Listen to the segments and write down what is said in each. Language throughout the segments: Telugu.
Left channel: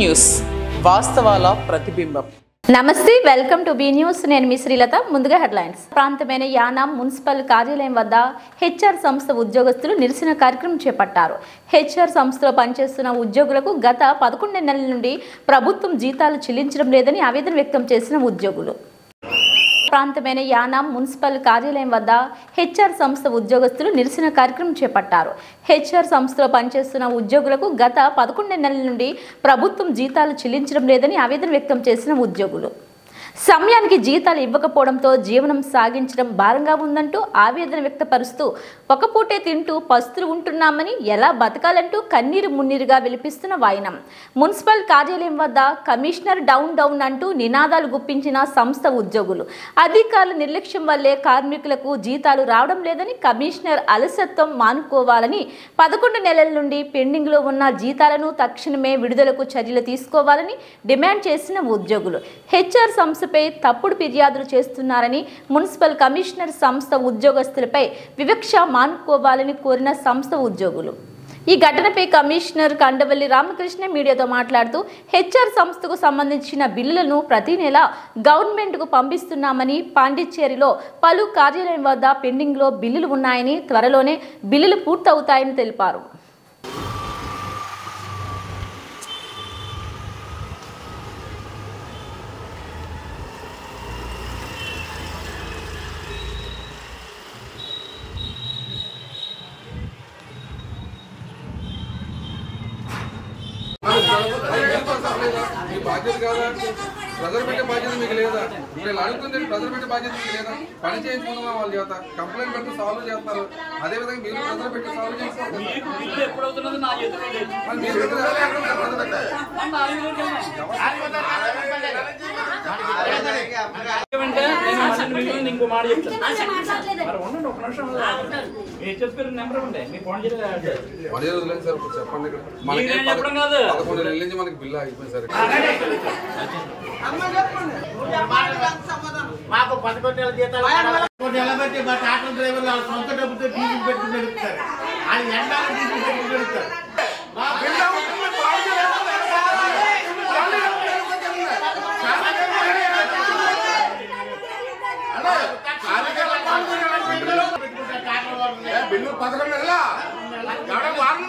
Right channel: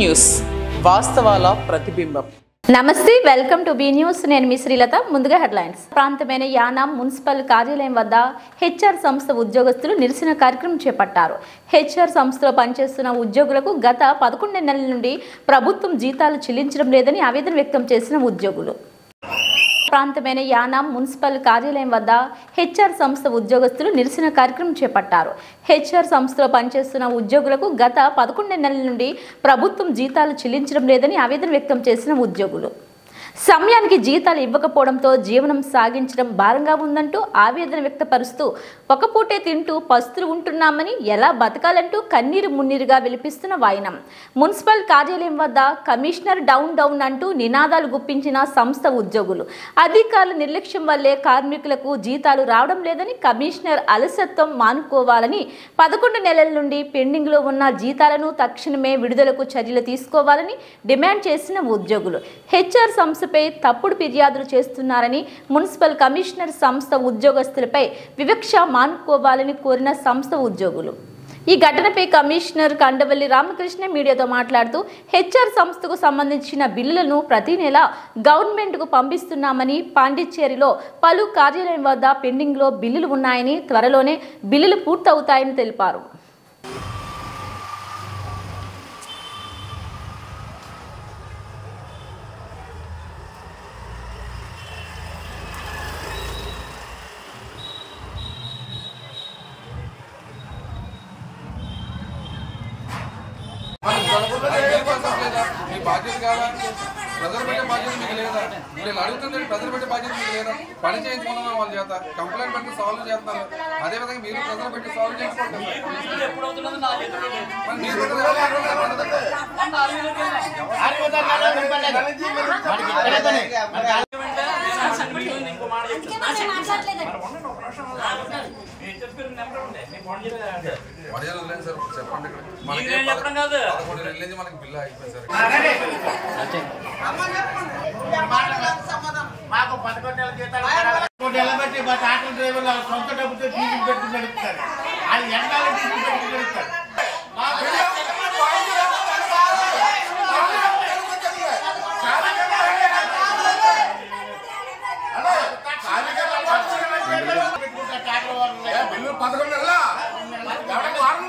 న్యూస్ వాస్తవాల ప్రతిబింబం. నమస్తే, వెల్కమ్ టు బి న్యూస్. నేను మీ శ్రీలత. ముందుగా హెడ్లైన్స్. ప్రాంతమైన యానాం మున్సిపల్ కార్యాలయం వద్ద హెచ్ఆర్ సంస్థ ఉద్యోగస్తులు నిరసన కార్యక్రమం చేపట్టారు. హెచ్ఆర్ సంస్థలో పనిచేస్తున్న ఉద్యోగులకు గత 11 నెలల నుండి ప్రభుత్వం జీతాలు చెల్లించడం లేదని ఆవేదన వ్యక్తం చేసిన ఉద్యోగులు. ప్రాంతమైన యానాం మున్సిపల్ కార్యాలయం వద్ద హెచ్ఆర్ సంస్థ ఉద్యోగస్తులు నిరసన కార్యక్రమం చేపట్టారు. హెచ్ఆర్ సంస్థలో పనిచేస్తున్న ఉద్యోగులకు గత 11 నెలల నుండి ప్రభుత్వం జీతాలు చెల్లించడం లేదని ఆవేదన వ్యక్తం చేసిన ఉద్యోగులు. సమయానికి జీతాలు ఇవ్వకపోవడంతో జీవనం సాగించడం భారంగా ఉందంటూ ఆవేదన వ్యక్తపరుస్తూ ఒక పూటే తింటూ పస్తులు ఉంటున్నామని ఎలా బతకాలంటూ కన్నీరు మున్నీరుగా విలిపిస్తున్న వాయినం. మున్సిపల్ కార్యాలయం వద్ద కమిషనర్ డౌన్ డౌన్ అంటూ నినాదాలు గుప్పించిన సంస్థ ఉద్యోగులు. అధికారుల నిర్లక్ష్యం వల్లే కార్మికులకు జీతాలు రావడం లేదని, కమిషనర్ అలసత్వం మానుకోవాలని, 11 నెలల నుండి పెండింగ్లో ఉన్న జీతాలను తక్షణమే విడుదలకు చర్యలు తీసుకోవాలని డిమాండ్ చేసిన ఉద్యోగులు. హెచ్ఆర్ సంస్థపై తప్పుడు ఫిర్యాదులు చేస్తున్నారని, మున్సిపల్ కమిషనర్ సంస్థ ఉద్యోగస్తులపై వివక్ష మానుకోవాలని కోరిన సంస్థ ఉద్యోగులు. ఈ ఘటనపై కమిషనర్ కండవల్లి రామకృష్ణ మీడియాతో మాట్లాడుతూ హెచ్ఆర్ సంస్థకు సంబంధించిన బిల్లులను ప్రతి నెల గవర్నమెంట్కు పంపిస్తున్నామని, పాండిచ్చేరిలో పలు కార్యాలయం వద్ద పెండింగ్లో బిల్లులు ఉన్నాయని, త్వరలోనే బిల్లులు పూర్తవుతాయని తెలిపారు. బాధ్యత కాదా? ప్రజలు పెట్టే బాధ్యత మీకు లేదా? వీళ్ళు అడుగుతుంది, ప్రజలు పెట్టే బాధ్యత మీకు లేదా? పని చేయించుకున్నాం వాళ్ళ చేత, కంప్లైంట్ పెడితే సాల్వ్ చేస్తున్నారు. అదేవిధంగా మీరు ప్రజలు పెట్టి సాల్వ్ చేసుకోవాలి. చెప్పండి, మనకి 11 నెలల నుంచి మనకి బిల్లు అయిపోయింది సార్. మాకు 11 నెలల జీతాలు నిలబెట్టి మా టాటా డ్రైవర్లు సొంత డబ్బుతో డీజిల్ పెట్టుకుని నడుపుతారు. అది ఎండాలి డీజిల్ పెట్టుకుని నడుపుతారు. బిల్లు 11 నెలల వారం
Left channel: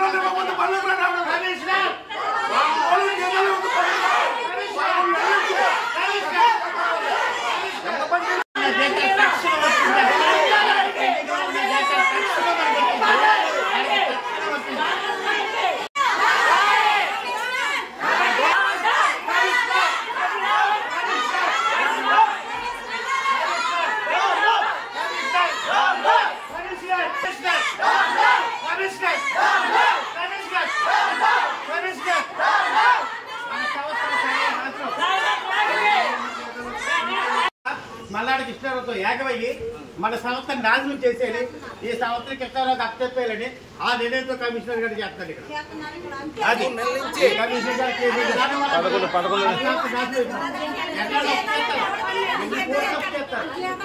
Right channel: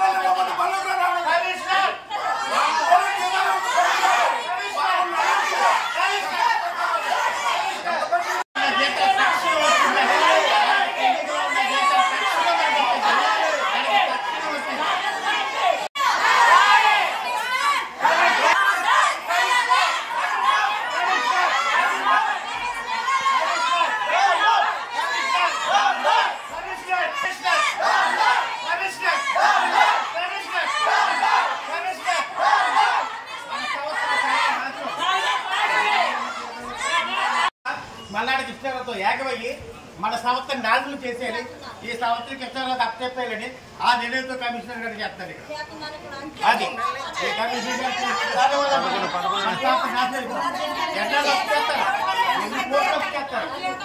మల్లాడి కృష్ణారావుతో ఏకమయ్యి మన సంస్థను నాశనం చేసేయాలి, ఈ సంస్థని కృష్ణారావుకి అప్పచెప్పేయాలని ఆ నిర్ణయంతో కమిషనర్ గారు చేస్తారు. ఇక్కడ అది కమిషనర్ గారు చేసేది చేస్తారు.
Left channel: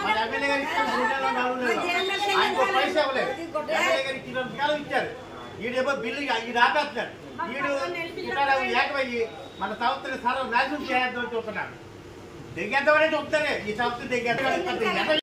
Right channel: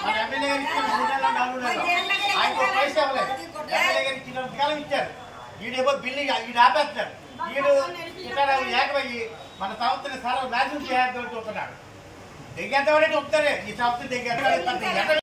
మన ఎమ్మెల్యే గారు ఇచ్చిన 3 నెలలు 4 నెలలు ఆయన పైసా ఇవ్వలేదు. ఎమ్మెల్యే గారు ఇచ్చినంత కాలం ఇచ్చారు. ఈడేమో బిల్లు ఈడు ఆపేస్తున్నారు. ఈడు కృష్ణారావు ఏకమయ్యి మన సంస్థని నాశనం చేయాలని చూస్తున్నాడు. దిగ్గేద్దామనే చెప్తారే ఈ సంస్థ దిగ్గేద్దాం.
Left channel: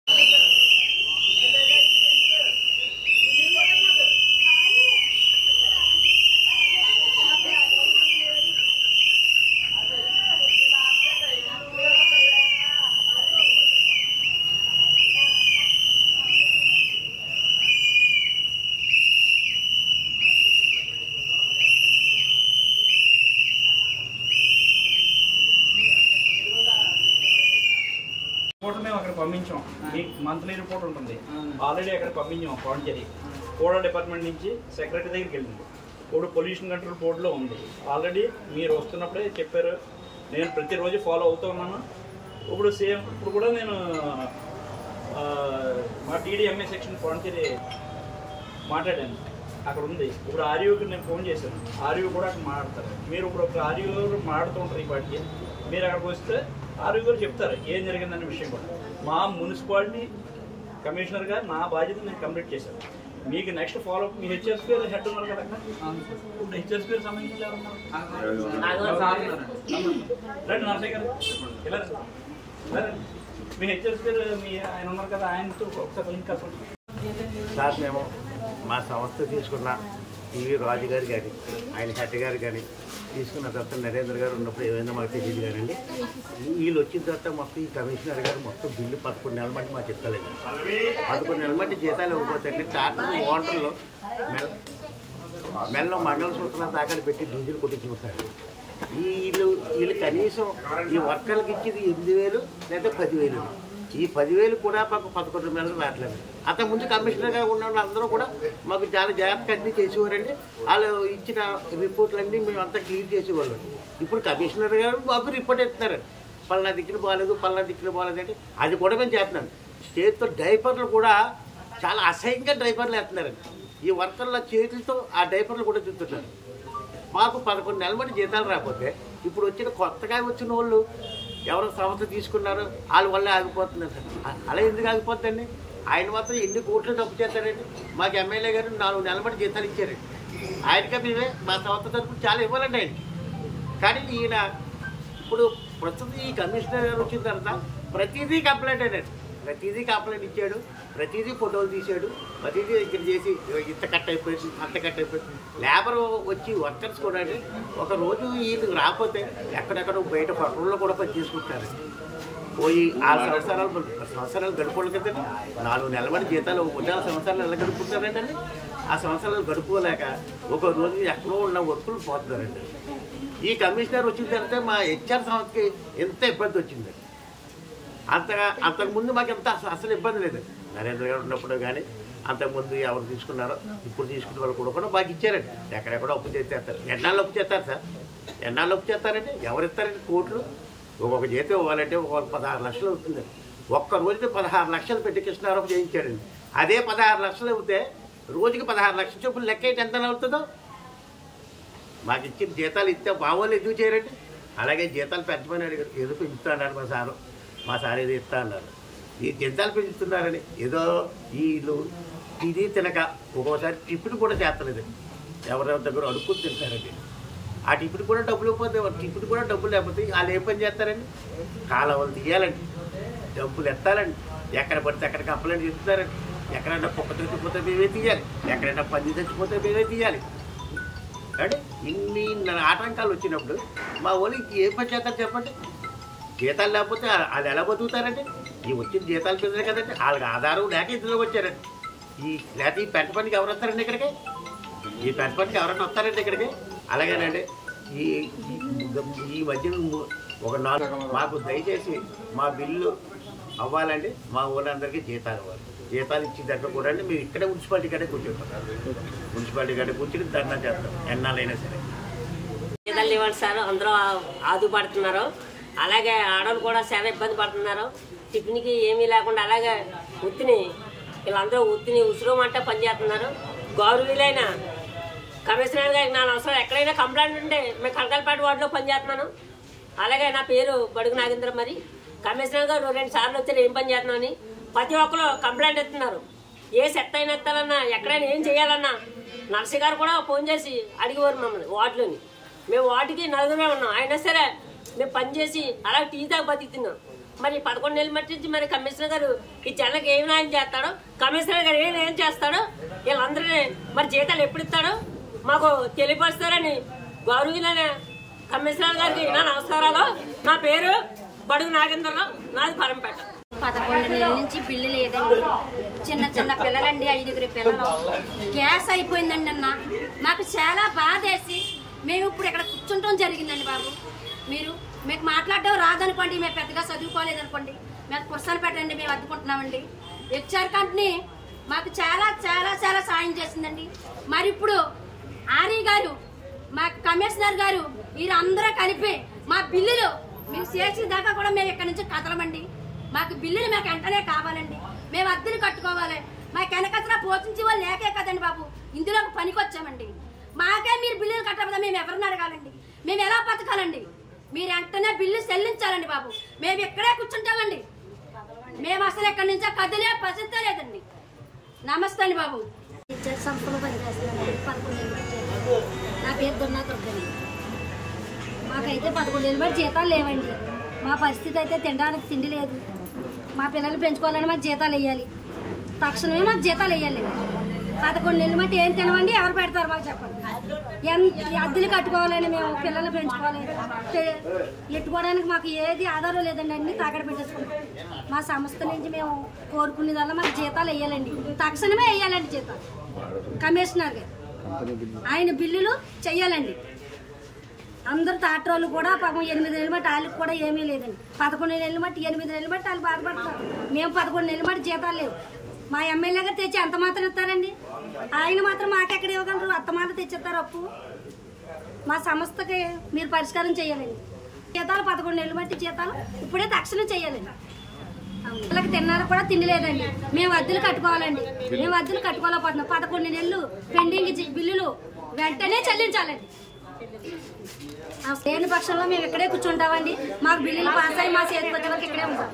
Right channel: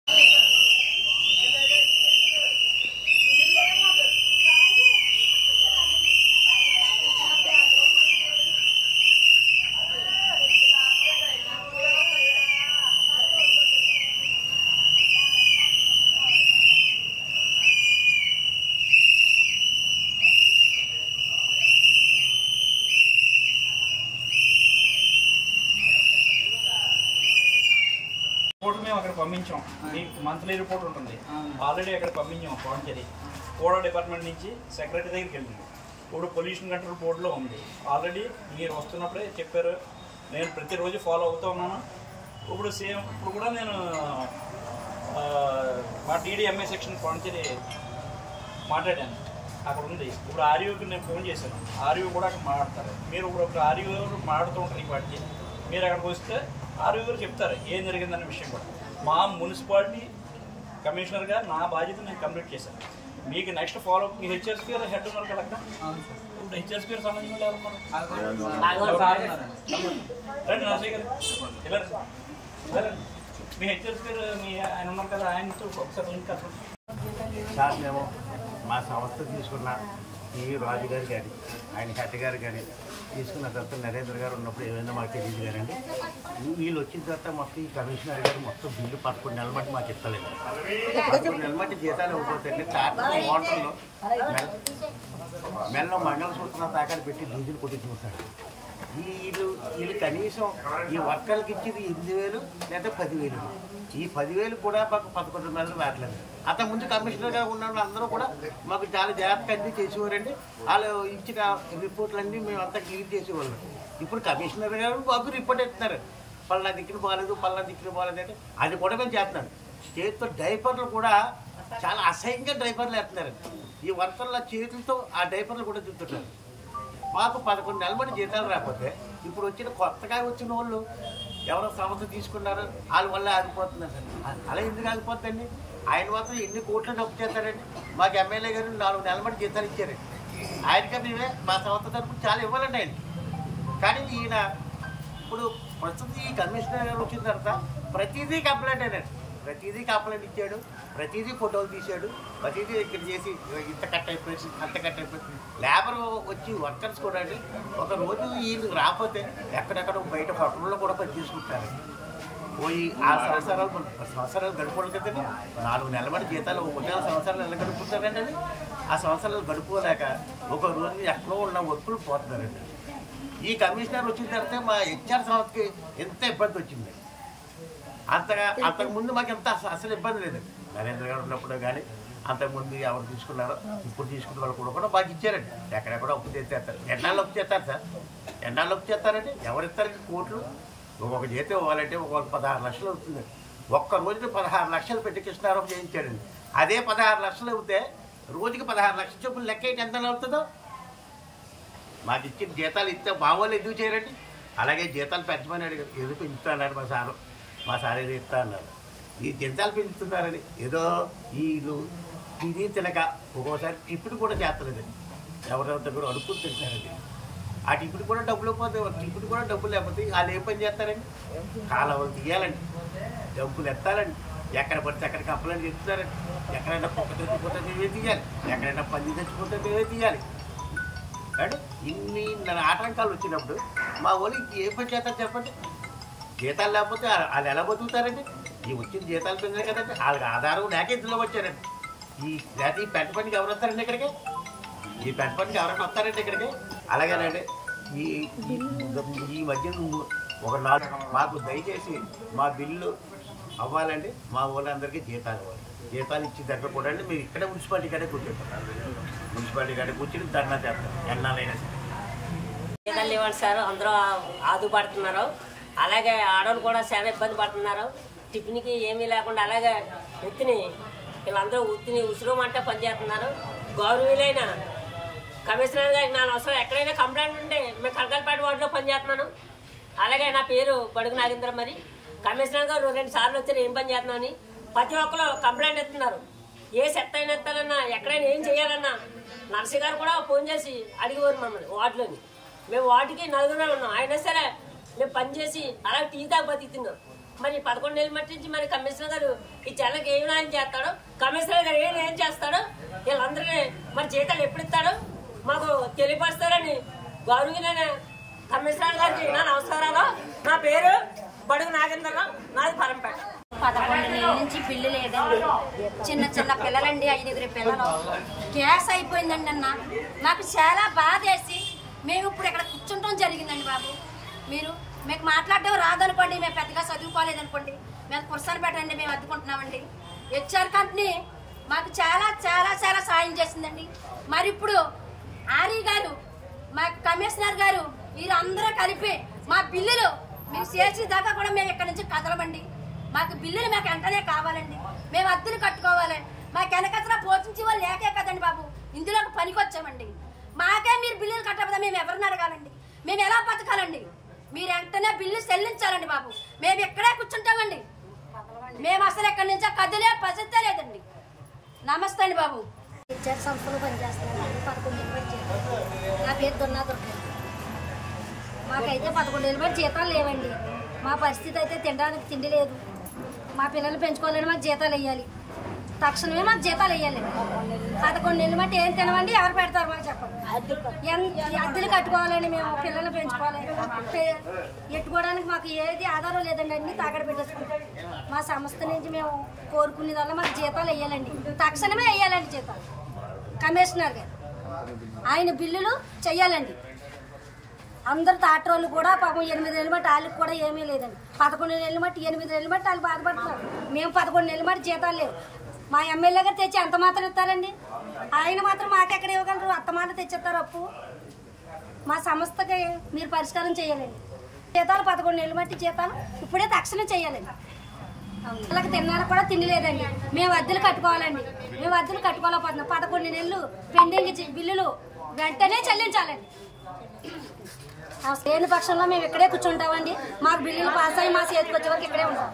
రిపోర్ట్ మేము అక్కడ పంపించాం. మీకు మంత్లీ రిపోర్ట్ ఉంటుంది, ఆల్రెడీ అక్కడ పంపించాం. పాండిచేరి కోడా డిపార్ట్మెంట్ నుంచి సెక్రటరీ దగ్గరికి వెళ్ళింది. ఇప్పుడు పొల్యూషన్ కంట్రోల్ బోర్డులో ఉంది. ఆల్రెడీ మీరు వస్తున్నప్పుడే చెప్పారు. నేను ప్రతిరోజు ఫాలో అవుతూ ఉన్నాను. ఇప్పుడు ఇప్పుడు కూడా నేను మా టీడీఎంఏ సెక్షన్ పాండిచేరి మాట్లాడాను, అక్కడ ఉంది. ఇప్పుడు ఆర్యూకి నేను ఫోన్ చేశాను, ఆర్యూ కూడా అక్కడ మాట్లాడతారు. మీరు ఇప్పుడు ఒక ఆర్యూ మాట్లాడుతూ ఉంటారు. ఈ పాటికి మీరు అక్కడికి వస్తే ఆర్యూ గారు చెప్తారు ఏం జరిగిందనే విషయం కూడా. మా మున్సిపాలిటీ కమిషనర్గా నా బాధ్యత నేను కంప్లీట్ చేశాను. మీకు నెక్స్ట్ ఫాలో మీ హెచ్ఆర్స్ పేరు హెడ్ ఉన్నారు కదా అక్కడ ఇప్పుడు హెచ్ఆర్స్ పేరు సంబంధించిన ఎవరు ఉన్నారు రండి నరసయ్య గారు ఇలా మీ హెచ్ఆర్స్ పేరు మీ ఆయన ఉన్నారు కదా ఆయనతో ఒకసారి లింక్ కలపండి సార్ మేము మా సంస్థ తీసుకున్న టీవీ రాజు గారు కానీ ఆయన హెడ్ గారు కానీ తీసుకున్న తర్వాత నరేంద్ర గారు ఉన్నప్పుడు ఏమైందో మాకు తెలియదు కానండి వీళ్ళు వచ్చిన తర్వాత మొత్తం ఈ కమిషనర్ గారు మొత్తం బిల్లు 11 నెలల మట్టి మాకు ఇస్తలేదు 11 నెలల మట్టి జీతాలు ఇవ్వకపోతే టాటర్ ఓటర్లు మెల్ల మంగళసూత్రం తాకడి పెట్టి డీజిల్ కొట్టించుకుంటారు వీళ్ళు కనీసం ఈ వర్కర్లకు ఇచ్చేది 8,000 లేదా 10,000 ఈ 10,000 కూడా మాకు 11 నెలలు రావట్లేదు అంతకుముందు కమిషనర్గా ఉన్న వాళ్ళందరూ కూడా మాకు చాలా జాగ్రత్తగా అన్నీ చేసేవారండి వాళ్ళు ఇచ్చిన రిపోర్ట్లన్నీ మేము అంతా క్లియర్ చేసేవాళ్ళం ఇప్పుడు కమిషనర్ గారు మాకు రిపోర్ట్ ఇస్తున్నారు పలానా దిక్కులు బాగాలేదు పలానా దిక్కులు బాగాలేదు అంటే అది కూడా మేము చేస్తున్నాం చేతితో డైపర్లు కూడా చాలా అసహ్యంగా డైపర్లు వేస్తున్నారండి ఈ వర్కర్ల చేతులతో ఆ డైపర్లు కూడా చూస్తుంటారు మాకు 11 నెలల మట్టి జీతాలు రాకపోతే ఇప్పుడు వచ్చిన కొత్తగా వచ్చిన వాళ్ళు ఎవరో సంస్థ తీసుకున్నారు వాళ్ళ వల్ల ఆగిపోతున్నారు సార్ అలా ఎందుకు ఆగిపోతుందండి ఆయన మాత్రం ఎన్ని కోట్లు డబ్బు చేస్తారండి మాకు ఎమ్మెల్యే గారు 4 నెలల మట్టి జీతాలు ఇచ్చారండి ఆయనకే మేమే మా సంస్థ తరపున చాలా ఇవ్వాలండి ఆయనకి కానీ ఈయన ఇప్పుడు ప్రస్తుతం ఈ కమిషనర్ గారు వచ్చిన తర్వాత ప్రతిదీ కంప్లైంట్ అయినాడు ప్రతిదీ కంప్లైంట్ ఇచ్చాడు ప్రతిదీ ఫోటోలు తీశాడు ప్రతిదీ ఇక్కడ చేసి ఇంత కట్ అయిపోయింది అంత కట్ అయిపోయింది లేబర్ వచ్చి వర్కర్స్ కూడా అండి ఒక రోజు వీళ్ళు రాకపోతే ఎక్కడెక్కడ బయట హోటల్లో కూడా పని చేసుకుంటారండి పోయి 6 సంవత్సరాలు గడుపుకోవాలి కదండి 4 నెలల మట్టి జీతాలు 4 సంవత్సరాలు ఎలా గడుపుకుంటారండి ఆ సంవత్సరాలు గడుపుకోలేక ఒక రోజు ఎక్కడో ఉన్న వర్కులు పోతున్నారండి ఈ కమిషనర్ వచ్చిన తర్వాత మా హెచ్ఆర్ సంస్థకి ఎంత ఇబ్బంది వచ్చిందండి అంతకుముందు మాకు ఎంత అసలు ఇబ్బంది లేదండి నరేంద్ర గారు ఉన్నప్పుడు కానీ అంతకుముందు ఎవరు తీసుకున్నారో ఇప్పుడు తీసుకున్న వాళ్ళు కూడా మాకు ఇచ్చారండి ఎక్కడెక్కడ అప్పు చేస్తారు ఎన్నాళ్ళు అప్పు చేస్తారు సార్ ఎన్నాళ్ళు అప్పు చేస్తారండి ఎవరు ఇస్తారండి కోట్లు ఒక్కొక్క జీతం ఇవ్వాలంటే ఒక 16 లక్షలు అవుతుందండి ఒక్క రోజుకి 16 లక్షలు పెట్టి కృష్ణారావు చేయించాడండి అదే 16 లక్షలు అవుతే రోజుకి 16 లక్షల చొప్పులు లెక్క అయితే ఎంత అవుతుందో మాకు ఇచ్చిన జీతాలు ఇస్తే మామూలు ఎందుకు చేయరండి అలాగే జీతాలు పెంచమని అడిగారు ఏదో పెంచుతా అన్నారు మా సార్ ఏదో ఇస్తా అన్నారు ఈ జీతాలు పెంచుతున్నారని ఏదో వీళ్ళు ఇది తినక ఒక్కోసారి టిఫిన్ కూడా చేస్తలేదండి ఎవరెవరి దగ్గర అడుక్కు తింటారండి ఆ టిఫిన్ కూడా డబ్బులు పోతే టిఫిన్ కూడా డబ్బులు లేకపోతే వాళ్ళు ఏం పని చేస్తారండి కాలువలు తీయాలండి డబ్బులు ఎత్తాలండి ఎక్కడ పడితే అక్కడ కంప్లైంట్ చేస్తున్నారండి ఎక్కడైనా కుక్క చచ్చిపోతే మేమే తీయాలి ఎక్కడైనా పంది చచ్చిపోతే మేమే తీయాలి అంటే ఇన్ని ఆటంకాలు వచ్చినప్పుడు మా వాళ్ళకి ఏ పని చేస్తారు చెప్పండి జీతాలు లేకపోతే వాళ్ళు ఎలా బతుకుతారండి ఈ వచ్చిన జీతాలు పెరిగాయి కదండి వాళ్ళకి ఆధారం లేక ఇందులో వచ్చారండి లేకపోతే ఈ పెంట పనికి ఎవరు వస్తారండి ఇక్కడికి ఈ పెంట పనికి ఎవరైనా వస్తారండి ఇక్కడికి అలాగేనండి ఈ మధ్య ఒక 4 మాకు దయచేసి మా బిల్లు అవ్వాలండి మా ఊళ్ళందరికీ జీతాలు ఇవ్వాలి జీతాలు ఇచ్చిన దగ్గర కూడా అండి మేము ఇక్కడే మున్సిపాలిటీ కాడే కూర్చుంటాం మున్సిపాలిటీ కాడే కూర్చుని ధర్నా చేస్తాం ఎన్నాళ్ళైనా సరే జీతాలు ఇవ్వండి సార్ అందరూ ఆదుపడుతున్నారు అలాగే ఆడవాళ్ళు కూడా చాలా ఇబ్బంది పడుతున్నారు టిఫిన్కి ఏమీ లేకుండా అలాగే వీళ్ళందరూ ఉసురుమంటే పనిచేస్తున్నారు గౌరవీలైన కమిషనర్ గారికి నా అవసరం ఎక్కడైనా కంప్లైంట్ ఉంటే మేము కలకలపేట వార్డులో పనిచేస్తున్నాను అలాగే నా పేరు బడుగు నాగేంద్ర మరి కమిషనర్ గారు 2 సార్లు వచ్చారు ఏం పని చేస్తున్నాం అని ప్రతి ఒక్కరు కంప్లైంట్ ఇస్తున్నారు ఏ సెట్ అయిన ఎత్తాలన్నా ఎక్కడైనా ఏం చేయాలన్నా నర్సి గారు కూడా ఫోన్ చేసి అడిగేవారు మమ్మల్ని వార్డులోని మేము వార్డుకి 4 ఉన్నాం అయినా సరే మేము పనిచేసి అలా టీ దాకా బతుకుతున్నాం మరి 11 నెలల మట్టి మరి కమిషనర్ గారు ఈ జనాలకు ఏం న్యాయం చేస్తాడో కమిషనర్ గారు ఏం చేస్తాడో వీళ్ళందరినీ మరి జీతాలు ఎప్పుడు ఇస్తాడో మాకు తెలియపరుస్తారని గౌరవీలైన కమిషనర్ గారికి నా నమస్కారాలు నా పేరు బడుగు నాగేంద్రరావు నాది పరంపేట 11 నెలల నుంచి బిల్లు లేదండి చిన్న పిల్లలండి 5 పిల్లలు గ్యాస్ అయిపోయిందండి అన్న మాకు చాలా బాధేసి మేము ఇప్పుడు ఇక్కడ కూర్చుంటాం జరిగిందండి బాబు మీకు మాట్లాడడం రాదనుకోండి మేము పెద్దగా చదువుకోలేదనుకోండి మేము పురసాలు పెట్టండి మేము అద్దుకుంటున్నామండి హెచ్ఆర్ కంపెనీ మాకు చాలా చాలా చాలా సాయం చేసిందండి మరి ఇప్పుడు ఆర్ఈ గారు మా కమిషనర్ గారు వీరందరూ కలిపి మా బిల్లులు మీకు చేసి దాకా కూడా మేము ఇక్కడ నుంచి కదలమండి మాకు బిల్లులు మాకు వెంటనే కావాలండి మేము అద్దెలు కట్టుకోవాలి మాకు వెనకసరా పోషించే వాళ్ళు లేకే కదండి బాబు ఇందులోకి పనికి వచ్చామండి మాకే మీరు బిల్లులు కట్టకపోతే మేము ఎవరిని అడగాలండి మేము ఎలా బతకాలండి మీరు వెంటనే బిల్లు చెల్లించాలండి బాబు మేము ఇక్కడే కూర్చుంటామండి మేము అసలు ఎక్కడి నుంచో కదిలే పరిస్థితే లేదండి నమస్తే అండి బాబు హెచ్ఆర్ సంస్థలో పనిచేస్తున్నాను. 11 ఏళ్ళు బట్టి జీతాలు. నా పేరు దొన్నా దుర్గండి. మాకైతే 11 ఏళ్ళు బట్టి జీతాలు లేవండి. మా పరిస్థితి అయితే తినడానికి తిండి లేదు. మా పిల్లలు పెంచుకోవాలని మాకు జీతాలు వేయాలి. తక్షణమే మాకు జీతాలు వేయాలి. 11 నెలలు బట్టి ఏం తినవండి, ఎవరు పెడతారు మాకు చెప్పండి. అద్దెలు కట్టుకోవాలని మేము పిల్లలు పెంచుకోవాలి. ఎట్టుకోవడానికి మాకు ఏది ఆధారం లేదండి, అన్ని తాకడ పెట్టేసుకుంటాం. మా సంస్థ నుంచి మేము కోరుకునేదల్లా మాకు జీతాలు వేయాలండి, తక్షణమే వేయాలండి జీతాలు. కమిషనర్ గారు ఆయన బిల్లులు చెయ్యాలండి. అందరు తాటరోళ్ళు కూడా పాపం 8 నెలలు బట్టి వాళ్ళకి కూడా ఏమీ లేదండి. 11 నెలలు బట్టి 8 నెలలు బట్టి వాళ్ళు బాధపడుతున్నారు. మేము 11 నెలలు బట్టి జీతాలు లేవు. మా ఎమ్మెల్యే గారు తెచ్చి ఎంత మాత్రం ఇస్తారండి, ఆయన మాత్రం మాకెక్కడ ఇవ్వగలరు, అత్తమాత్రం తెచ్చిస్తారు అప్పు. మా సంస్థకి మీరు పరిష్కారం చేయాలండి. జీతాలు 11 నెలలు బట్టి జీతాలు ఇప్పుడే తక్షణం చేయాలండి. పిల్లలకి తిన్నానికి కూడా తిండి లేదండి. మేము అద్దెలు కట్టుకోవాలండి. మేము అద్దెలు కట్టుకోలేకపోతున్నాం. 11 నెలలు పెండింగ్ బిల్లులు వెంటనే చెల్లించాలండి. లేని పక్షంలో మేము ఇక్కడే కూర్చుంటామండి. మాకు బిల్లులు పాస్ అయ్యి మా చేతికి వచ్చే వరకు ఇక్కడే ఉంటాం.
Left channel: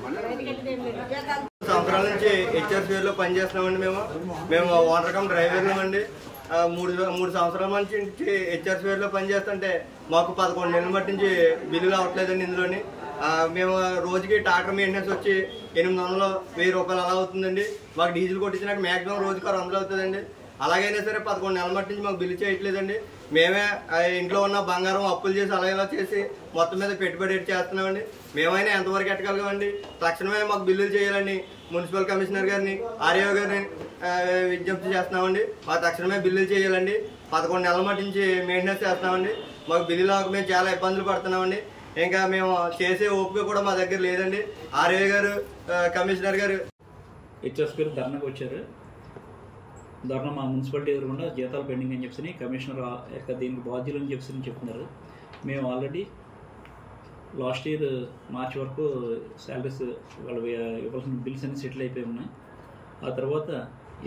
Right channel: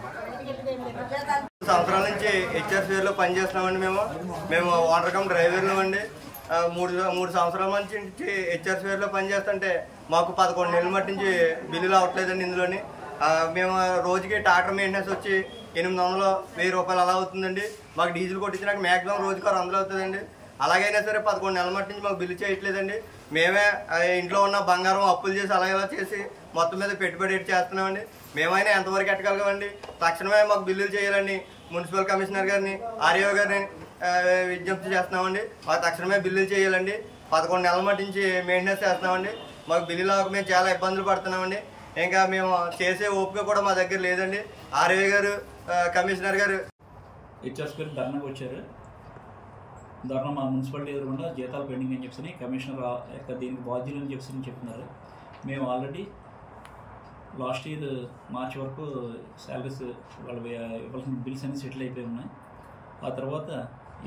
సంవత్సరాల నుంచి హెచ్ఆర్సీఆర్ లో పనిచేస్తున్నామండి. మేము ఓనర్ కమ్ డ్రైవర్లు అండి. మూడు సంవత్సరాల నుంచి హెచ్ఆర్సీఆర్ లో పనిచేస్తుంటే మాకు 11 నెలల మట్టి నుంచి బిల్లులు అవ్వట్లేదండి. ఇందులోని మేము రోజుకి ట్రాక్టర్ మెయింటెనెన్స్ వచ్చి 800-1000 రూపాయలు అలా అవుతుందండి. మాకు డీజిల్ కొట్టించినాక మాక్సిమం రోజుకి 600 అవుతుందండి. అలాగైనా సరే 11 నెలల మట్టి నుంచి మాకు బిల్లు చేయట్లేదండి. మేమే ఇంట్లో ఉన్న బంగారం అప్పులు చేసి అలా ఇలా చేసి మొత్తం మీద పెట్టుబడి చేస్తున్నామండి. మేమైనా ఎంతవరకు ఎట్టగలగామండి. తక్షణమే మాకు బిల్లులు చేయాలని మున్సిపల్ కమిషనర్ గారిని, ఆర్ఏఓ గారిని విజ్ఞప్తి చేస్తున్నామండి. మాకు తక్షణమే బిల్లులు చేయాలండి. 11 నెలల మట్టి నుంచి మెయింటెనెన్స్ చేస్తున్నామండి. మాకు బిల్లులు అవ్వక మేము చాలా ఇబ్బందులు పడుతున్నామండి. ఇంకా మేము చేసే ఓపిక కూడా మా దగ్గర లేదండి. ఆర్ఏఓ గారు, కమిషనర్ గారు హెచ్ఆర్సీఆర్ ధర్నాకు వచ్చారు. ధర్నా మా మున్సిపాలిటీ ఎదురుకుండా జీతాలు పెండింగ్ అని చెప్పి కమిషనర్ దీనికి బాధ్యులు అని చెప్పి చెప్తున్నారు. మేము ఆల్రెడీ లాస్ట్ ఇయర్ మార్చి వరకు శాలరీస్ వాళ్ళు ఇవ్వాల్సిన బిల్స్ అన్ని సెటిల్ అయిపోయి ఉన్నాయి. ఆ తర్వాత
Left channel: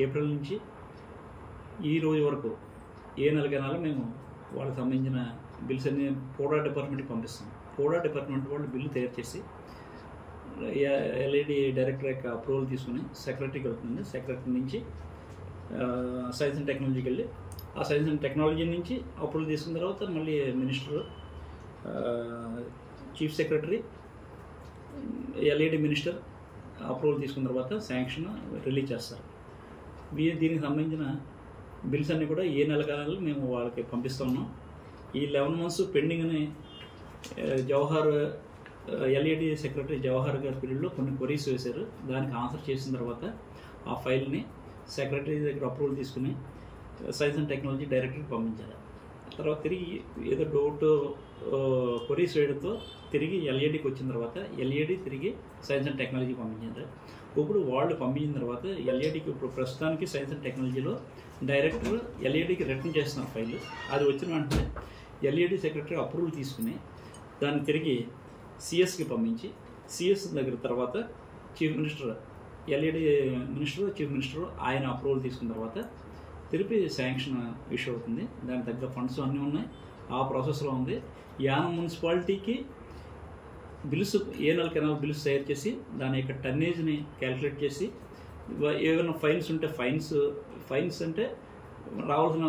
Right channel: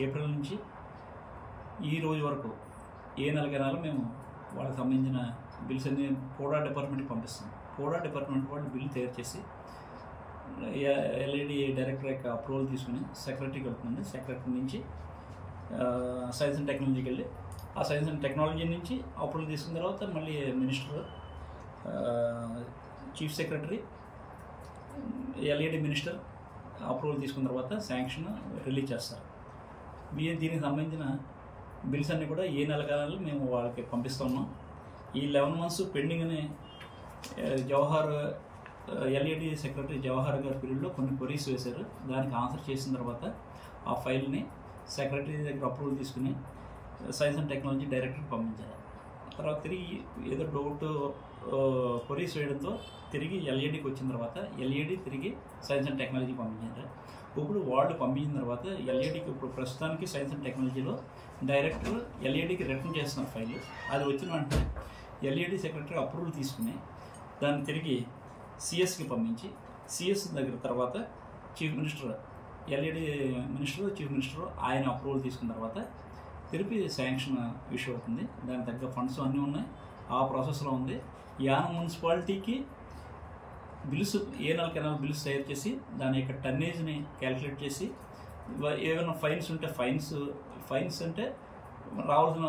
ఏప్రిల్ నుంచి ఈ రోజు వరకు ఏ నెల మేము వాళ్ళకి సంబంధించిన బిల్స్ అన్ని పోడా డిపార్ట్మెంట్కి పంపిస్తాం. పోడా డిపార్ట్మెంట్ వాళ్ళు బిల్లు తయారు చేసి ఎల్ఈడి డైరెక్టర్ యొక్క అప్రూవల్ తీసుకుని సెక్రటరీకి వెళ్తుందండి. సెక్రటరీ నుంచి సైన్స్ అండ్ టెక్నాలజీకి వెళ్ళి ఆ సైన్స్ అండ్ టెక్నాలజీ నుంచి అప్రూవల్ తీసుకున్న తర్వాత మళ్ళీ minister, chief secretary, LED minister approval తీసుకున్న తర్వాత శాంక్షన్ రిలీజ్ చేస్తారు. దీనికి సంబంధించిన బిల్స్ అన్నీ కూడా ఏ నెల మేము వాళ్ళకి పంపిస్తున్నాం. ఈ 11 months పెండింగ్ని జవహర్ ఎల్ఈడి సెక్రటరీ జవహర్ గారి పీరియడ్లో కొన్ని క్వరీస్ వేశారు. దానికి ఆన్సర్ చేసిన తర్వాత ఆ ఫైల్ని సెక్రటరీ దగ్గర అప్రూవల్ తీసుకుని సైన్స్ అండ్ టెక్నాలజీ డైరెక్టర్కి పంపించారు. తర్వాత తిరిగి ఏదో డౌట్ క్వరీస్ వేయడంతో తిరిగి ఎల్ఈడికి వచ్చిన తర్వాత ఎల్ఈడి తిరిగి సైన్స్ అండ్ టెక్నాలజీకి పంపించారు. ఇప్పుడు వాళ్ళు పంపించిన తర్వాత ఎల్ఈడికి ఇప్పుడు ప్రస్తుతానికి సైన్స్ అండ్ టెక్నాలజీలో డైరెక్టర్ ఎల్ఈడికి రిటర్న్ చేస్తున్నారు ఫైల్. అది వచ్చిన వెంటనే ఎల్ఈడి సెక్రటరీ అప్రూవల్ తీసుకుని దాన్ని తిరిగి సిఎస్కి పంపించి సిఎస్ దగ్గర తర్వాత chief minister, LED minister, chief minister ఆయన అప్రూవల్ తీసుకున్న తర్వాత తిరిగి శాంక్షన్ ఇష్యూ అవుతుంది. దానికి తగ్గ ఫండ్స్ అన్నీ ఉన్నాయి, ఆ ప్రాసెస్లో ఉంది. యానం మున్సిపాలిటీకి బిల్స్ ఏ నెల బిల్స్ తయారు చేసి దాని యొక్క టన్నేజ్ని క్యాలిక్యులేట్ చేసి ఏమైనా ఫైన్స్ ఉంటే ఫైన్స్ అంటే రావాల్సిన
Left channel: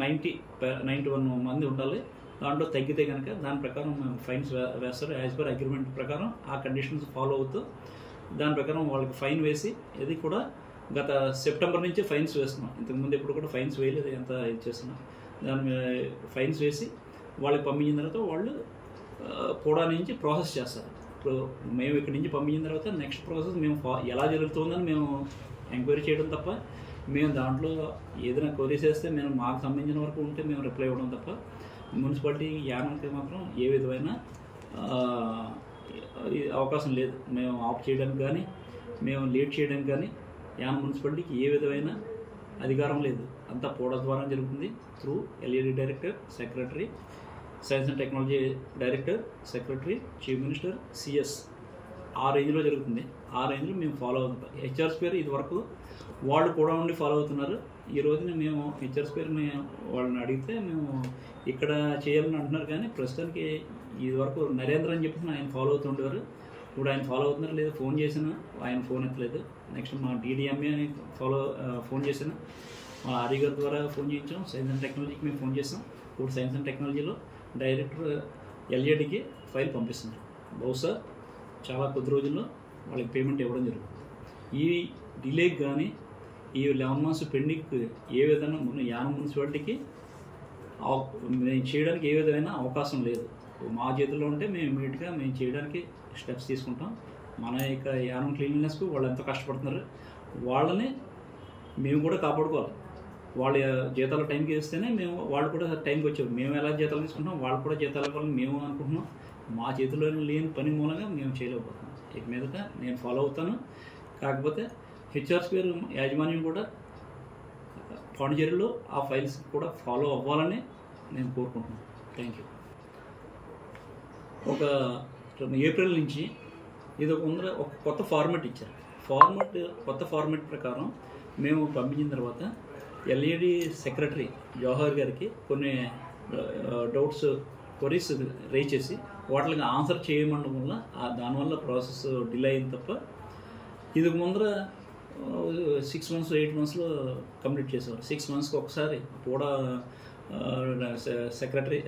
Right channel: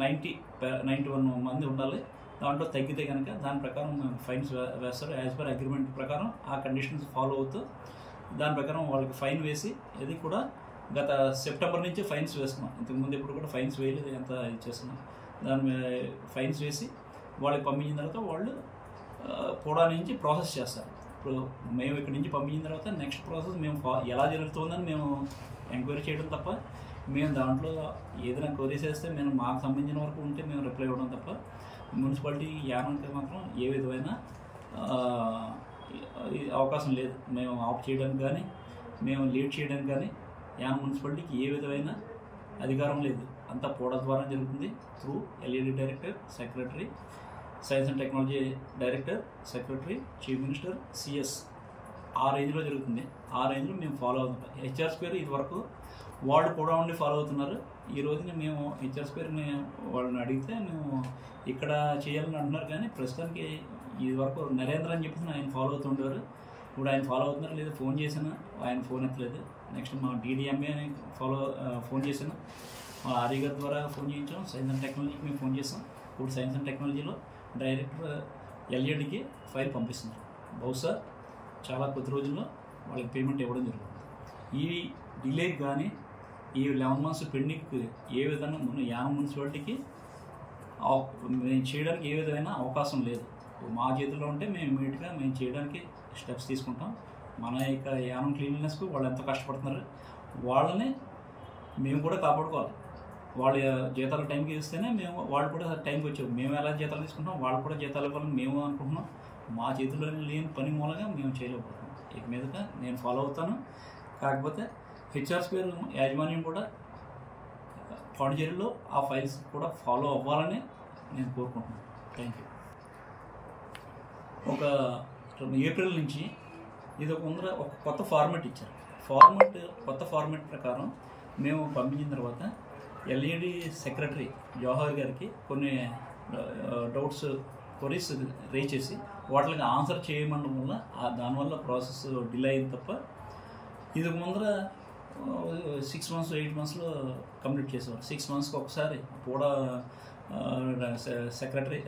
91 మంది ఉండాలి. దాంట్లో తగ్గితే కనుక దాని ప్రకారం మేము ఫైన్స్ వేస్తారు. యాజ్ పర్ అగ్రిమెంట్ ప్రకారం ఆ కండిషన్స్ ఫాలో అవుతూ దాని ప్రకారం వాళ్ళకి ఫైన్ వేసి, ఇది కూడా గత సెప్టెంబర్ నుంచి ఫైన్స్ వేస్తున్నాం. ఇంతకుముందు ఎప్పుడు కూడా ఫైన్స్ వేయలేదు, ఎంత ఇచ్చేస్తున్నాం. దాని ఫైన్స్ వేసి వాళ్ళకి పంపించిన తర్వాత వాళ్ళు పోడా నుంచి ప్రాసెస్ చేస్తారు. ఇప్పుడు మేము ఇక్కడి నుంచి పంపించిన తర్వాత నెక్స్ట్ ప్రాసెస్ మేము ఎలా జరుగుతుందని మేము ఎంక్వైరీ చేయడం తప్ప, మేము దాంట్లో ఏదైనా క్వరీస్ వేస్తే మేము మాకు సంబంధించిన వరకు ఉంటే మేము రిప్లై ఇవ్వడం తప్ప మున్సిపాలిటీ యానంకి మాత్రం ఏ విధమైన అవకాశం లేదు. మేము ఆఫ్ చేయడానికి కానీ మేము లేట్ చేయడానికి కానీ యానం మున్సిపాలిటీకి ఏ విధమైన అధికారం లేదు. అంతా పోడా ద్వారా జరుగుతుంది. Through LED director, secretary, science and technology director, secretary, chief minister, CS ఆ రేంజ్లో జరుగుతుంది. ఆ రేంజ్లో మేము ఫాలో అవుతాం. హెచ్ఆర్సీఆర్ ఇది వరకు వాళ్ళు కూడా ఉండి ఫాలో అవుతున్నారు. ఈ రోజున మేము హెచ్ఆర్సీఆర్ని వాళ్ళని అడిగితే మేము ఇక్కడ చేయాలని అంటున్నారు. కానీ ప్రస్తుతానికి ఇది వరకు నరేంద్ర అని చెప్పేసి ఆయన ఫాలో అవుతుండేవారు. ఇప్పుడు ఆయన ఫాలో అవుతున్నారు లేదా ఫోన్ చేసినా ఆయన ఫోన్ ఎత్తలేదు. నెక్స్ట్ మా DDMA అని ఫోన్ చేశాను, మా ఆర్య గారి ద్వారా ఫోన్ చేయించాం. సైన్స్ అండ్ టెక్నాలజీకి మేము ఫోన్ చేసాం. ఇప్పుడు సైన్స్ అండ్ టెక్నాలజీలో డైరెక్టర్ LADకి ఫైల్ పంపిస్తున్నారు. బహుశా చాలా కొద్ది రోజుల్లో వాళ్ళకి పేమెంట్ ఇవ్వడం జరుగుతుంది. ఈ డిలేకి కానీ ఈ 11 months పెండింగ్ ఏ విధంగా మన యానం మున్సిపాలిటీకి మేము చేయడానికి ఏ విధమైన అవకాశం లేదు. మా చేతుల్లో ఉంటే మేము ఇమీడియట్గా మేము చేయడానికి స్టెప్స్ తీసుకుంటాం. మన యొక్క యానం క్లీన్లీనెస్కు వాళ్ళు ఎంతో కష్టపడుతున్నారు, వాళ్ళని మేము కూడా కాపాడుకోవాలి. వాళ్ళ జీతాలు టైంకి ఇస్తేనే మేము వాళ్ళు కూడా టైంకి వచ్చాము. మేము ఎలా జీతాలు తీసుకుంటాం వాళ్ళు కూడా జీతాలు ఇవ్వాలని మేము అనుకుంటున్నాం. మా చేతిలో లేని పని మూలంగా మేము చేయలేకపోతున్నాం. ఇక మీదట నేను ఫాలో అవుతాను. కాకపోతే HR స్క్వేర్ యాజమాన్యం కూడా పాండిచేరిలో ఆ ఫైల్స్ కూడా ఫాలో అవ్వాలని నేను కోరుకుంటున్నాను. Thank you. ఒక ఏప్రిల్ నుంచి ఇది ఒక కొత్త ఫార్మాట్ ఇచ్చారు. కొత్త ఫార్మాట్ ప్రకారం మేము పంపించిన తర్వాత LAD సెక్రటరీ జవహర్ గారికి కొన్ని డౌట్స్ క్వరీస్ రేజ్ చేసి వాటికి ఆన్సర్ చేయమండం వల్ల దానివల్ల ప్రాసెస్ డిలే అయింది తప్ప ఇది ముందర 6 months 8 monthsలో కంప్లీట్ చేసేవారు. 6 monthsకి ఒకసారి పూడా సెక్రటరీ,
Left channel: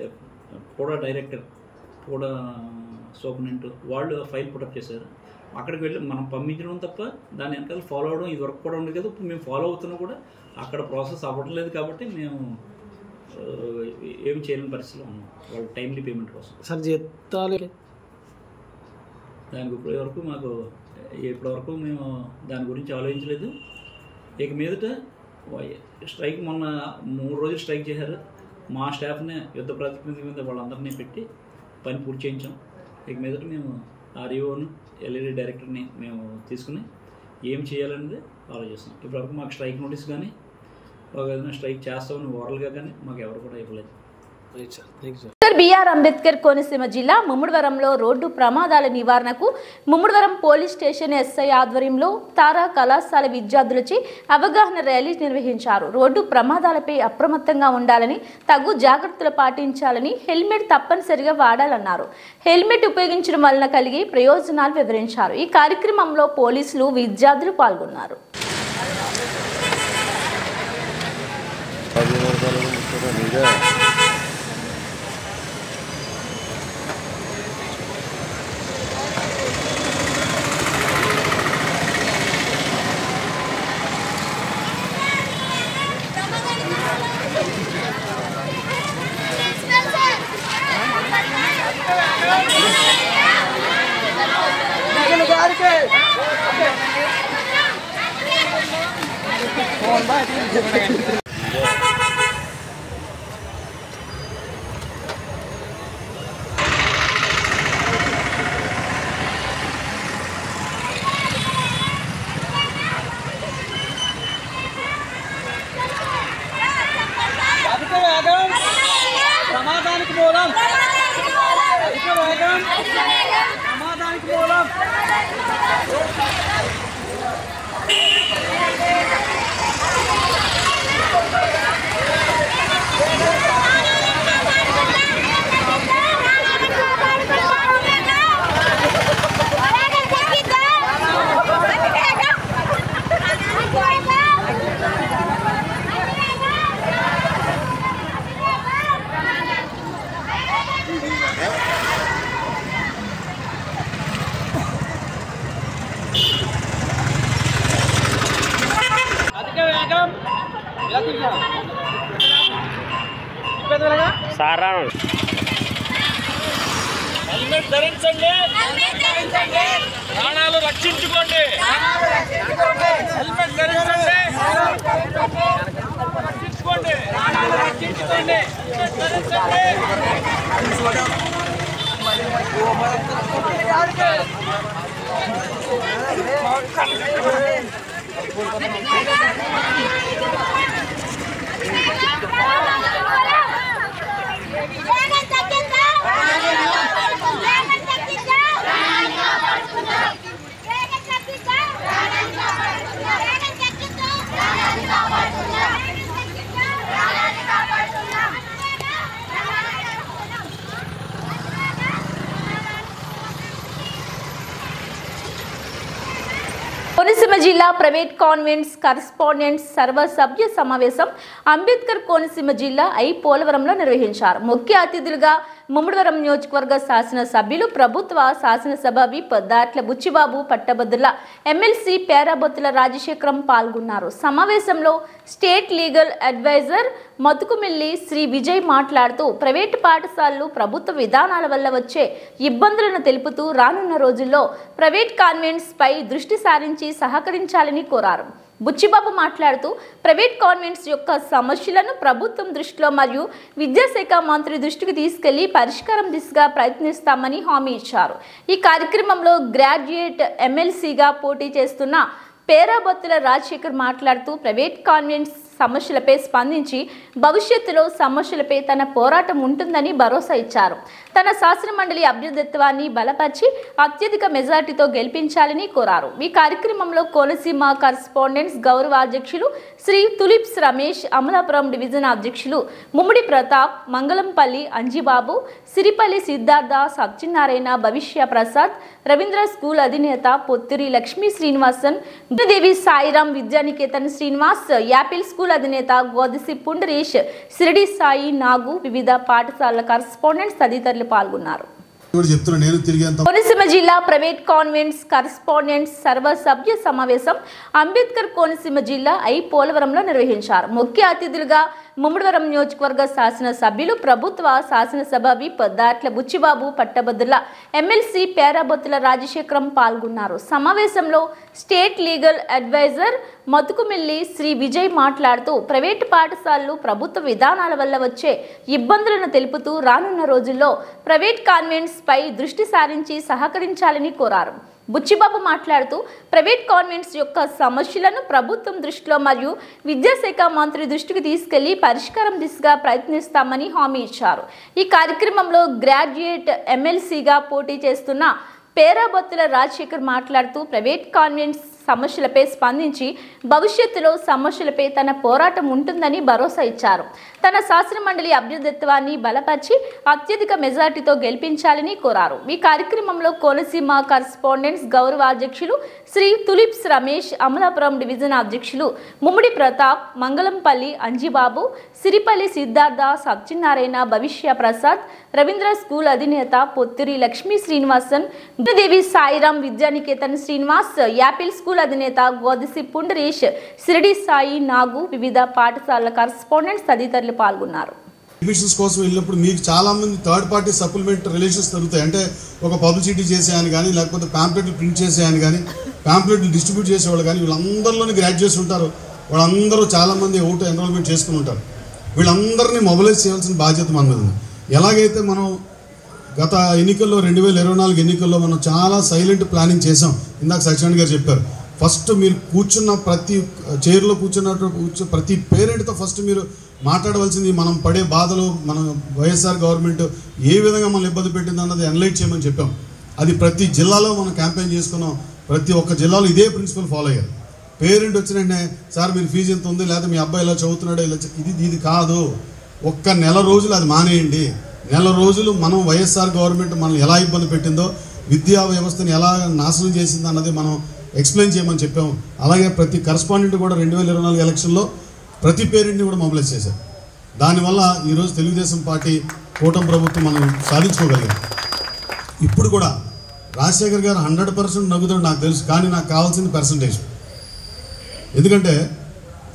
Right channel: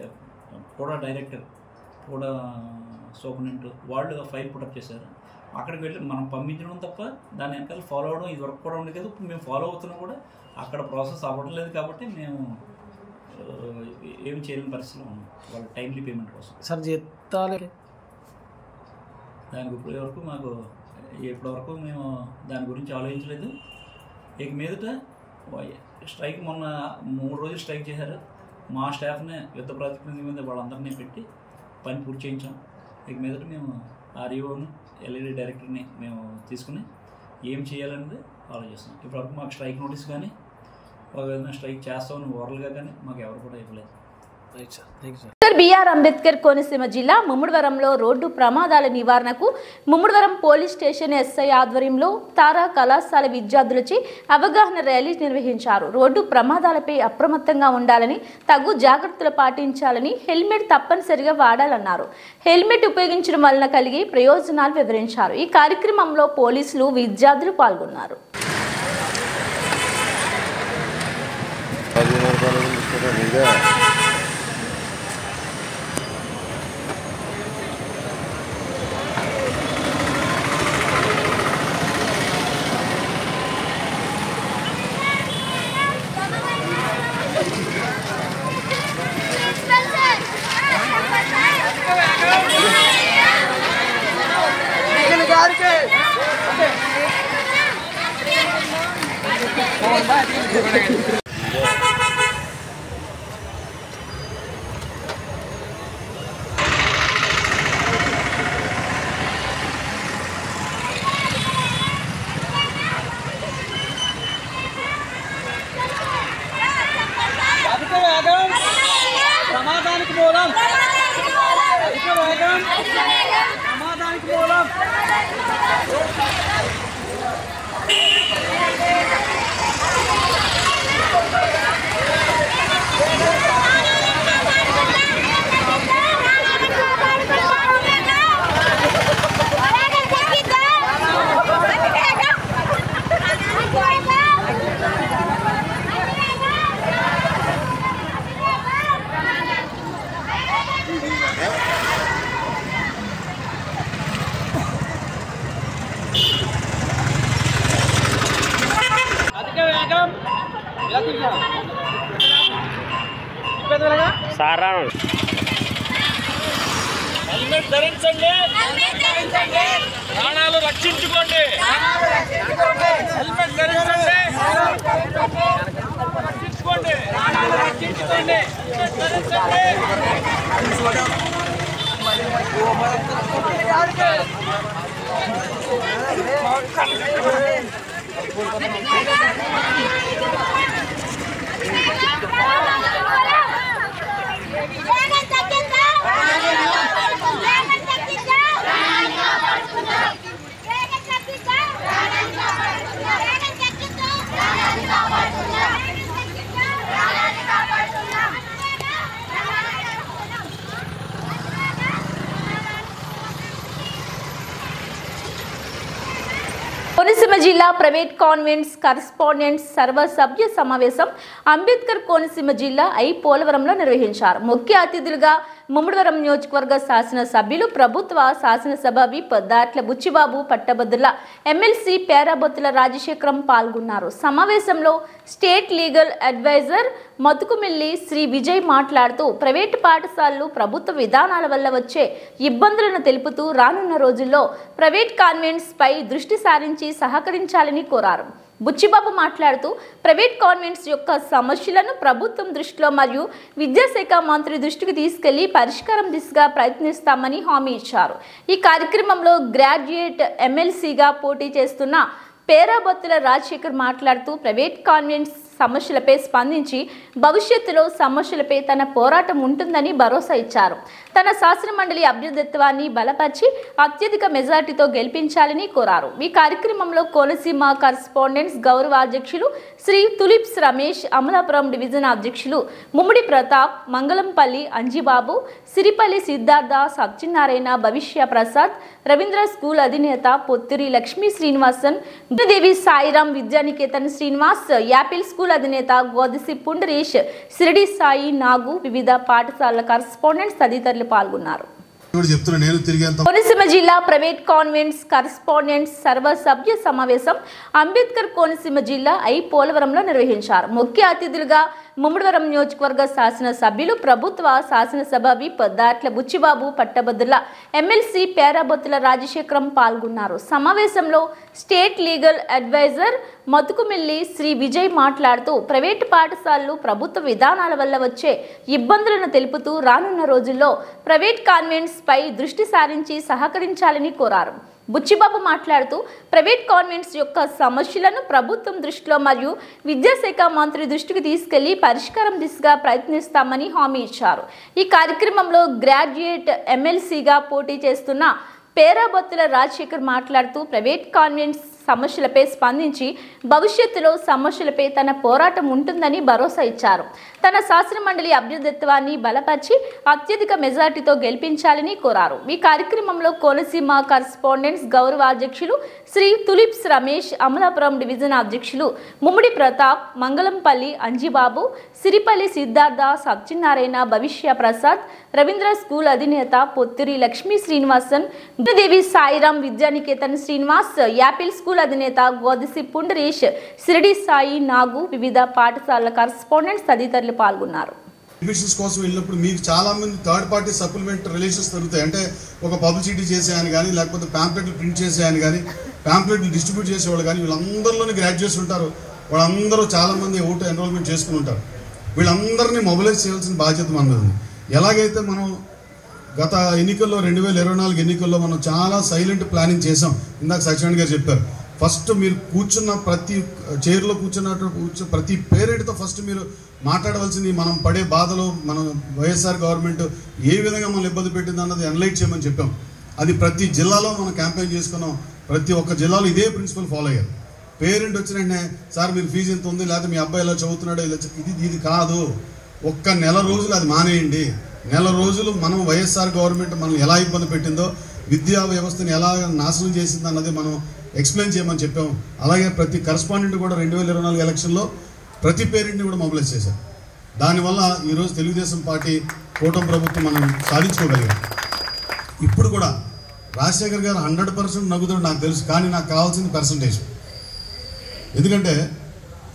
పూడా డైరెక్టర్, పూడా సూపరింటెండెంట్ వాళ్ళు ఫైల్ పుటప్ చేశారు. అక్కడికి వెళ్ళి మనం పంపించడం తప్ప దాని వెనకాల ఫాలో అవడం ఇది వరకు కూడా ఉండేది కదా. ఇప్పుడు మేము ఫాలో అవుతున్నా కూడా అక్కడ ప్రాసెస్ అవ్వట్లేదు కాబట్టి మేము ఏమి చేయలేని పరిస్థితిలో ఉన్నాం వాళ్ళ టైమ్లీ పేమెంట్ కోసం. సార్ జీతాలు దానికి ఇప్పటివరకు మేము దాని గురించి ఆలోచించలేదు. ఇక మీదట స్ట్రైక్ మొన్న 3 రోజులు స్ట్రైక్ చేశారు. మా స్టాఫ్ని యుద్ధ ప్రాతిపదిక మీద వాళ్ళందరినీ పెట్టి పని పూర్తి చేయించాం. ఇక మీదట మేము REOను LAD డైరెక్టర్ని మేము తీసుకుని ఏం చేయాలనేది ఆలోచిస్తాం. ఇప్పటివరకు మాకు స్ట్రైక్ నోటీస్ కానీ ఏదైనా స్ట్రైక్ చేస్తామని ఓరల్గా కానీ మాకు ఎవరు కూడా ఇవ్వలేదు. BR అంబేద్కర్ కోనసీమ జిల్లా ముమ్మడివరంలో రోడ్డు ప్రమాదాల నివారణకు ముమ్మడివరం పోలీస్ స్టేషన్ SI ఆధ్వర్యంలో తారా కళాశాల విద్యార్థులచే అవగాహన ర్యాలీ నిర్వహించారు. రోడ్డు ప్రమాదాలపై అప్రమత్తంగా ఉండాలని, తగు జాగ్రత్తలు పాటించాలని, హెల్మెట్ తప్పనిసరిగా వాడాలన్నారు. హెల్మెట్ ఉపయోగించడం వలన కలిగే ప్రయోజనాలు వివరించారు. ఈ కార్యక్రమంలో పోలీసులు, విద్యార్థులు పాల్గొన్నారు. హెల్మెట్ ధరించండి, ప్రాణాలు రక్షించుకోండి. హెల్మెట్ ధరించండి, రక్షించుకోండి, ప్రాణాలు రక్షించుకోండి. కోనసీమ జిల్లా ప్రైవేట్ కాన్వెంట్స్ కరస్పాండెంట్స్ సర్వసభ్య సమావేశం అంబేద్కర్ కోనసీమ జిల్లా పోలవరంలో నిర్వహించారు. ముఖ్య అతిథులుగా ముమ్మడివరం నియోజకవర్గ శాసనసభ్యులు ప్రభుత్వ శాసనసభ విప్ దాట్ల బుచ్చిబాబు, పట్టభద్రుల ఎమ్మెల్సీ పేరాబొత్తుల రాజశేఖరం పాల్గొన్నారు. సమావేశంలో state legal adviser Matukumilli Shri Vijay మాట్లాడుతూ ప్రైవేటు పాఠశాలలు ప్రభుత్వ విధానాల వల్ల వచ్చే ఇబ్బందులను తెలుపుతూ రానున్న రోజుల్లో ప్రైవేట్ కాన్వెంట్స్ పై దృష్టి సారించి సహకరించాలని కోరారు. బుచ్చిబాబు మాట్లాడుతూ ప్రైవేట్ కాన్వెంట్స్ యొక్క సమస్యలను ప్రభుత్వం దృష్టిలో మరియు విద్యాశాఖ మంత్రి దృష్టికి తీసుకెళ్లి పరిష్కారం దిశగా ప్రయత్నిస్తామని హామీ ఇచ్చారు. ఈ కార్యక్రమంలో గ్రాడ్యుయేట్ ఎమ్మెల్సీగా పోటీ చేస్తున్న పేరాబొత్తుల రాజశేఖర్ మాట్లాడుతూ ప్రైవేట్ కాన్వెంట్స్ సమస్యలపై స్పందించి భవిష్యత్తులో సమస్యలపై తన పోరాటం ఉంటుందని భరోసా ఇచ్చారు. తన శాసనమండలి అభ్యర్థిత్వాన్ని బలపరిచి అత్యధిక మెజార్టీతో గెలిపించాలని కోరారు. ఈ కార్యక్రమంలో కోనసీమ కరస్పాండెంట్స్ గౌరవ అధ్యక్షులు శ్రీ తులిప్స్ రమేష్, అమలాపురం డివిజన్ అధ్యక్షులు ముమ్మిడి ప్రతాప్, మంగళంపల్లి అంజిబాబు, సిరిపల్లి సిద్ధార్థ, సత్యనారాయణ, భవిష్య ప్రసాద్, రవీంద్ర స్కూల్ అధినేత పొత్తిరి లక్ష్మీ శ్రీనివాసన్, దేవి సాయిరాం, విద్యానికేతన్ శ్రీనివాస్, యాపిల్ స్కూల్ అధినేత గోదసి పుండరీష్, సిరిడి సాయి, నాగు, వివిధ పాఠశాలల కరస్పాండెంట్స్ తదితరులు పాల్గొన్నారు. కోనసీమ జిల్లా ప్రైవేట్ కాన్వెంట్స్ కరస్పాండెంట్స్ సర్వసభ్య సమావేశం అంబేద్కర్ కోనసీమ జిల్లా పోలవరంలో నిర్వహించారు. ముఖ్య అతిథులుగా ముమ్మడివరం నియోజకవర్గ శాసనసభ్యులు ప్రభుత్వ శాసనసభ విప్ దాట్ల బుచ్చిబాబు, పట్టభద్రుల ఎమ్మెల్సీ పేరాబొత్తుల రాజశేఖరం పాల్గొన్నారు. సమావేశంలో state legal adviser Matukumilli Shri Vijay మాట్లాడుతూ ప్రైవేటు పాఠశాలలు ప్రభుత్వ విధానాల వల్ల వచ్చే ఇబ్బందులను తెలుపుతూ రానున్న రోజుల్లో ప్రైవేట్ కాన్వెంట్స్ పై దృష్టి సారించి సహకరించాలని కోరారు. బుచ్చిబాబు మాట్లాడుతూ ప్రైవేట్ కాన్వెంట్స్ యొక్క సమస్యలను ప్రభుత్వం దృష్టిలో మరియు విద్యాశాఖ మంత్రి దృష్టికి తీసుకెళ్లి పరిష్కారం దిశగా ప్రయత్నిస్తామని హామీ ఇచ్చారు. ఈ కార్యక్రమంలో గ్రాడ్యుయేట్ ఎమ్మెల్సీగా పోటీ చేస్తున్న పేరాబొత్తుల రాజశేఖర్ మాట్లాడుతూ ప్రైవేట్ కాన్వెంట్స్ సమస్యలపై స్పందించి భవిష్యత్తులో సమస్యలపై తన పోరాటం ఉంటుందని భరోసా ఇచ్చారు. తన శాసనమండలి అభ్యర్థిత్వాన్ని బలపరిచి అత్యధిక మెజార్టీతో గెలిపించాలని కోరారు. ఈ కార్యక్రమంలో కోనసీమ కరస్పాండెంట్స్ గౌరవ అధ్యక్షులు శ్రీ తులిప్స్ రమేష్, అమలాపురం డివిజన్ అధ్యక్షులు ముమ్మిడి ప్రతాప్, మంగళంపల్లి అంజిబాబు, సిరిపల్లి సిద్ధార్థ, సత్యనారాయణ, భవిష్య ప్రసాద్, రవీంద్ర స్కూల్ అధినేత పొత్తిరి లక్ష్మీ శ్రీనివాసన్, దేవి సాయిరాం, విద్యానికేతన్ శ్రీనివాస్, యాపిల్ స్కూల్ అధినేత గోదసి పుండరీష్, సిరిడి సాయి, నాగు, వివిధ పాఠశాలల కరస్పాండెంట్స్ తదితరులు పాల్గొన్నారు. అడ్మిషన్స్ కోసం వెళ్ళినప్పుడు మీకు చాలా మంది థర్డ్ పార్టీ సప్లిమెంట్ రిలేషన్స్ దొరుకుతాయి. అంటే ఒక పబ్లిసిటీ చేసేయని కానీ, లేకపోతే ప్యాంప్లెట్లు ప్రింట్ చేసేయని కానీ, ప్యాంప్లెట్లు డిస్ట్రిబ్యూట్ చేసేవాళ్ళు కానీ, వీళ్ళందరిలోని గ్రాడ్యుయేట్స్ ఉంటారు. వాళ్ళందరూ చాలా మంది ఓటు ఎన్రోల్మెంట్ చేసుకుని ఉంటారు. వీళ్ళందరినీ మొబిలైజ్ చేయాల్సిన బాధ్యత మన మీద ఉంది. ఎలాగైతే మనం గత ఎన్నికల్లో 2024 ఎన్నికల్లో మనం చాలా సైలెంట్ ప్లానింగ్ చేసాం. ఇందాక సత్యనారాయణ గారు చెప్పారు. ఫస్ట్ మీరు కూర్చున్న ప్రతి చైర్లో కూర్చున్నట్టు ప్రతి పేరెంట్తో ఫస్ట్ మీరు మాట్లాడవలసింది మనం పడే బాధలు, మన వైఎస్ఆర్ గవర్నమెంట్ ఏ విధంగా మనం ఇబ్బంది పెట్టింది అన్నది ఎనలైట్ చేయమని చెప్పాం. అది ప్రతి జిల్లాలో మనం క్యాంపెయిన్ చేసుకున్నాం. ప్రతి ఒక్క జిల్లాలో ఇదే ప్రిన్సిపల్ ఫాలో అయ్యారు. పేరెంట్ వచ్చిన వెంటనే సార్ మీరు ఫీజు ఎంత ఉంది, లేదా మీ అబ్బాయి ఇలా చదువుతున్నాడో ఇలా, ఇది కాదు. ఒక్క నెల రోజులు అది మానేయండి. నెల రోజులు మనం వైఎస్ఆర్ గవర్నమెంట్ మనల్ని ఎలా ఇబ్బంది పెట్టిందో, విద్యా వ్యవస్థని ఎలా నాశనం చేసింది అన్నది మనం ఎక్స్ప్లెయిన్ చేయమని చెప్పాము. అలాగే ప్రతి కరస్పాండెంట్ కూడా 2024 ఎలక్షన్లో ప్రతి పేరెంట్ని కూడా మొబిలైజ్ చేశారు. దానివల్ల ఈరోజు తెలుగుదేశం పార్టీ కూటమి ప్రభుత్వం మనం సాధించుకోగలిగాం. ఇప్పుడు కూడా రాజశేఖర్ గారు 100% నగ్గుతాడు నాకు తెలుసు. కానీ నాకు కావాల్సిన పర్సంటేజ్. ఎందుకంటే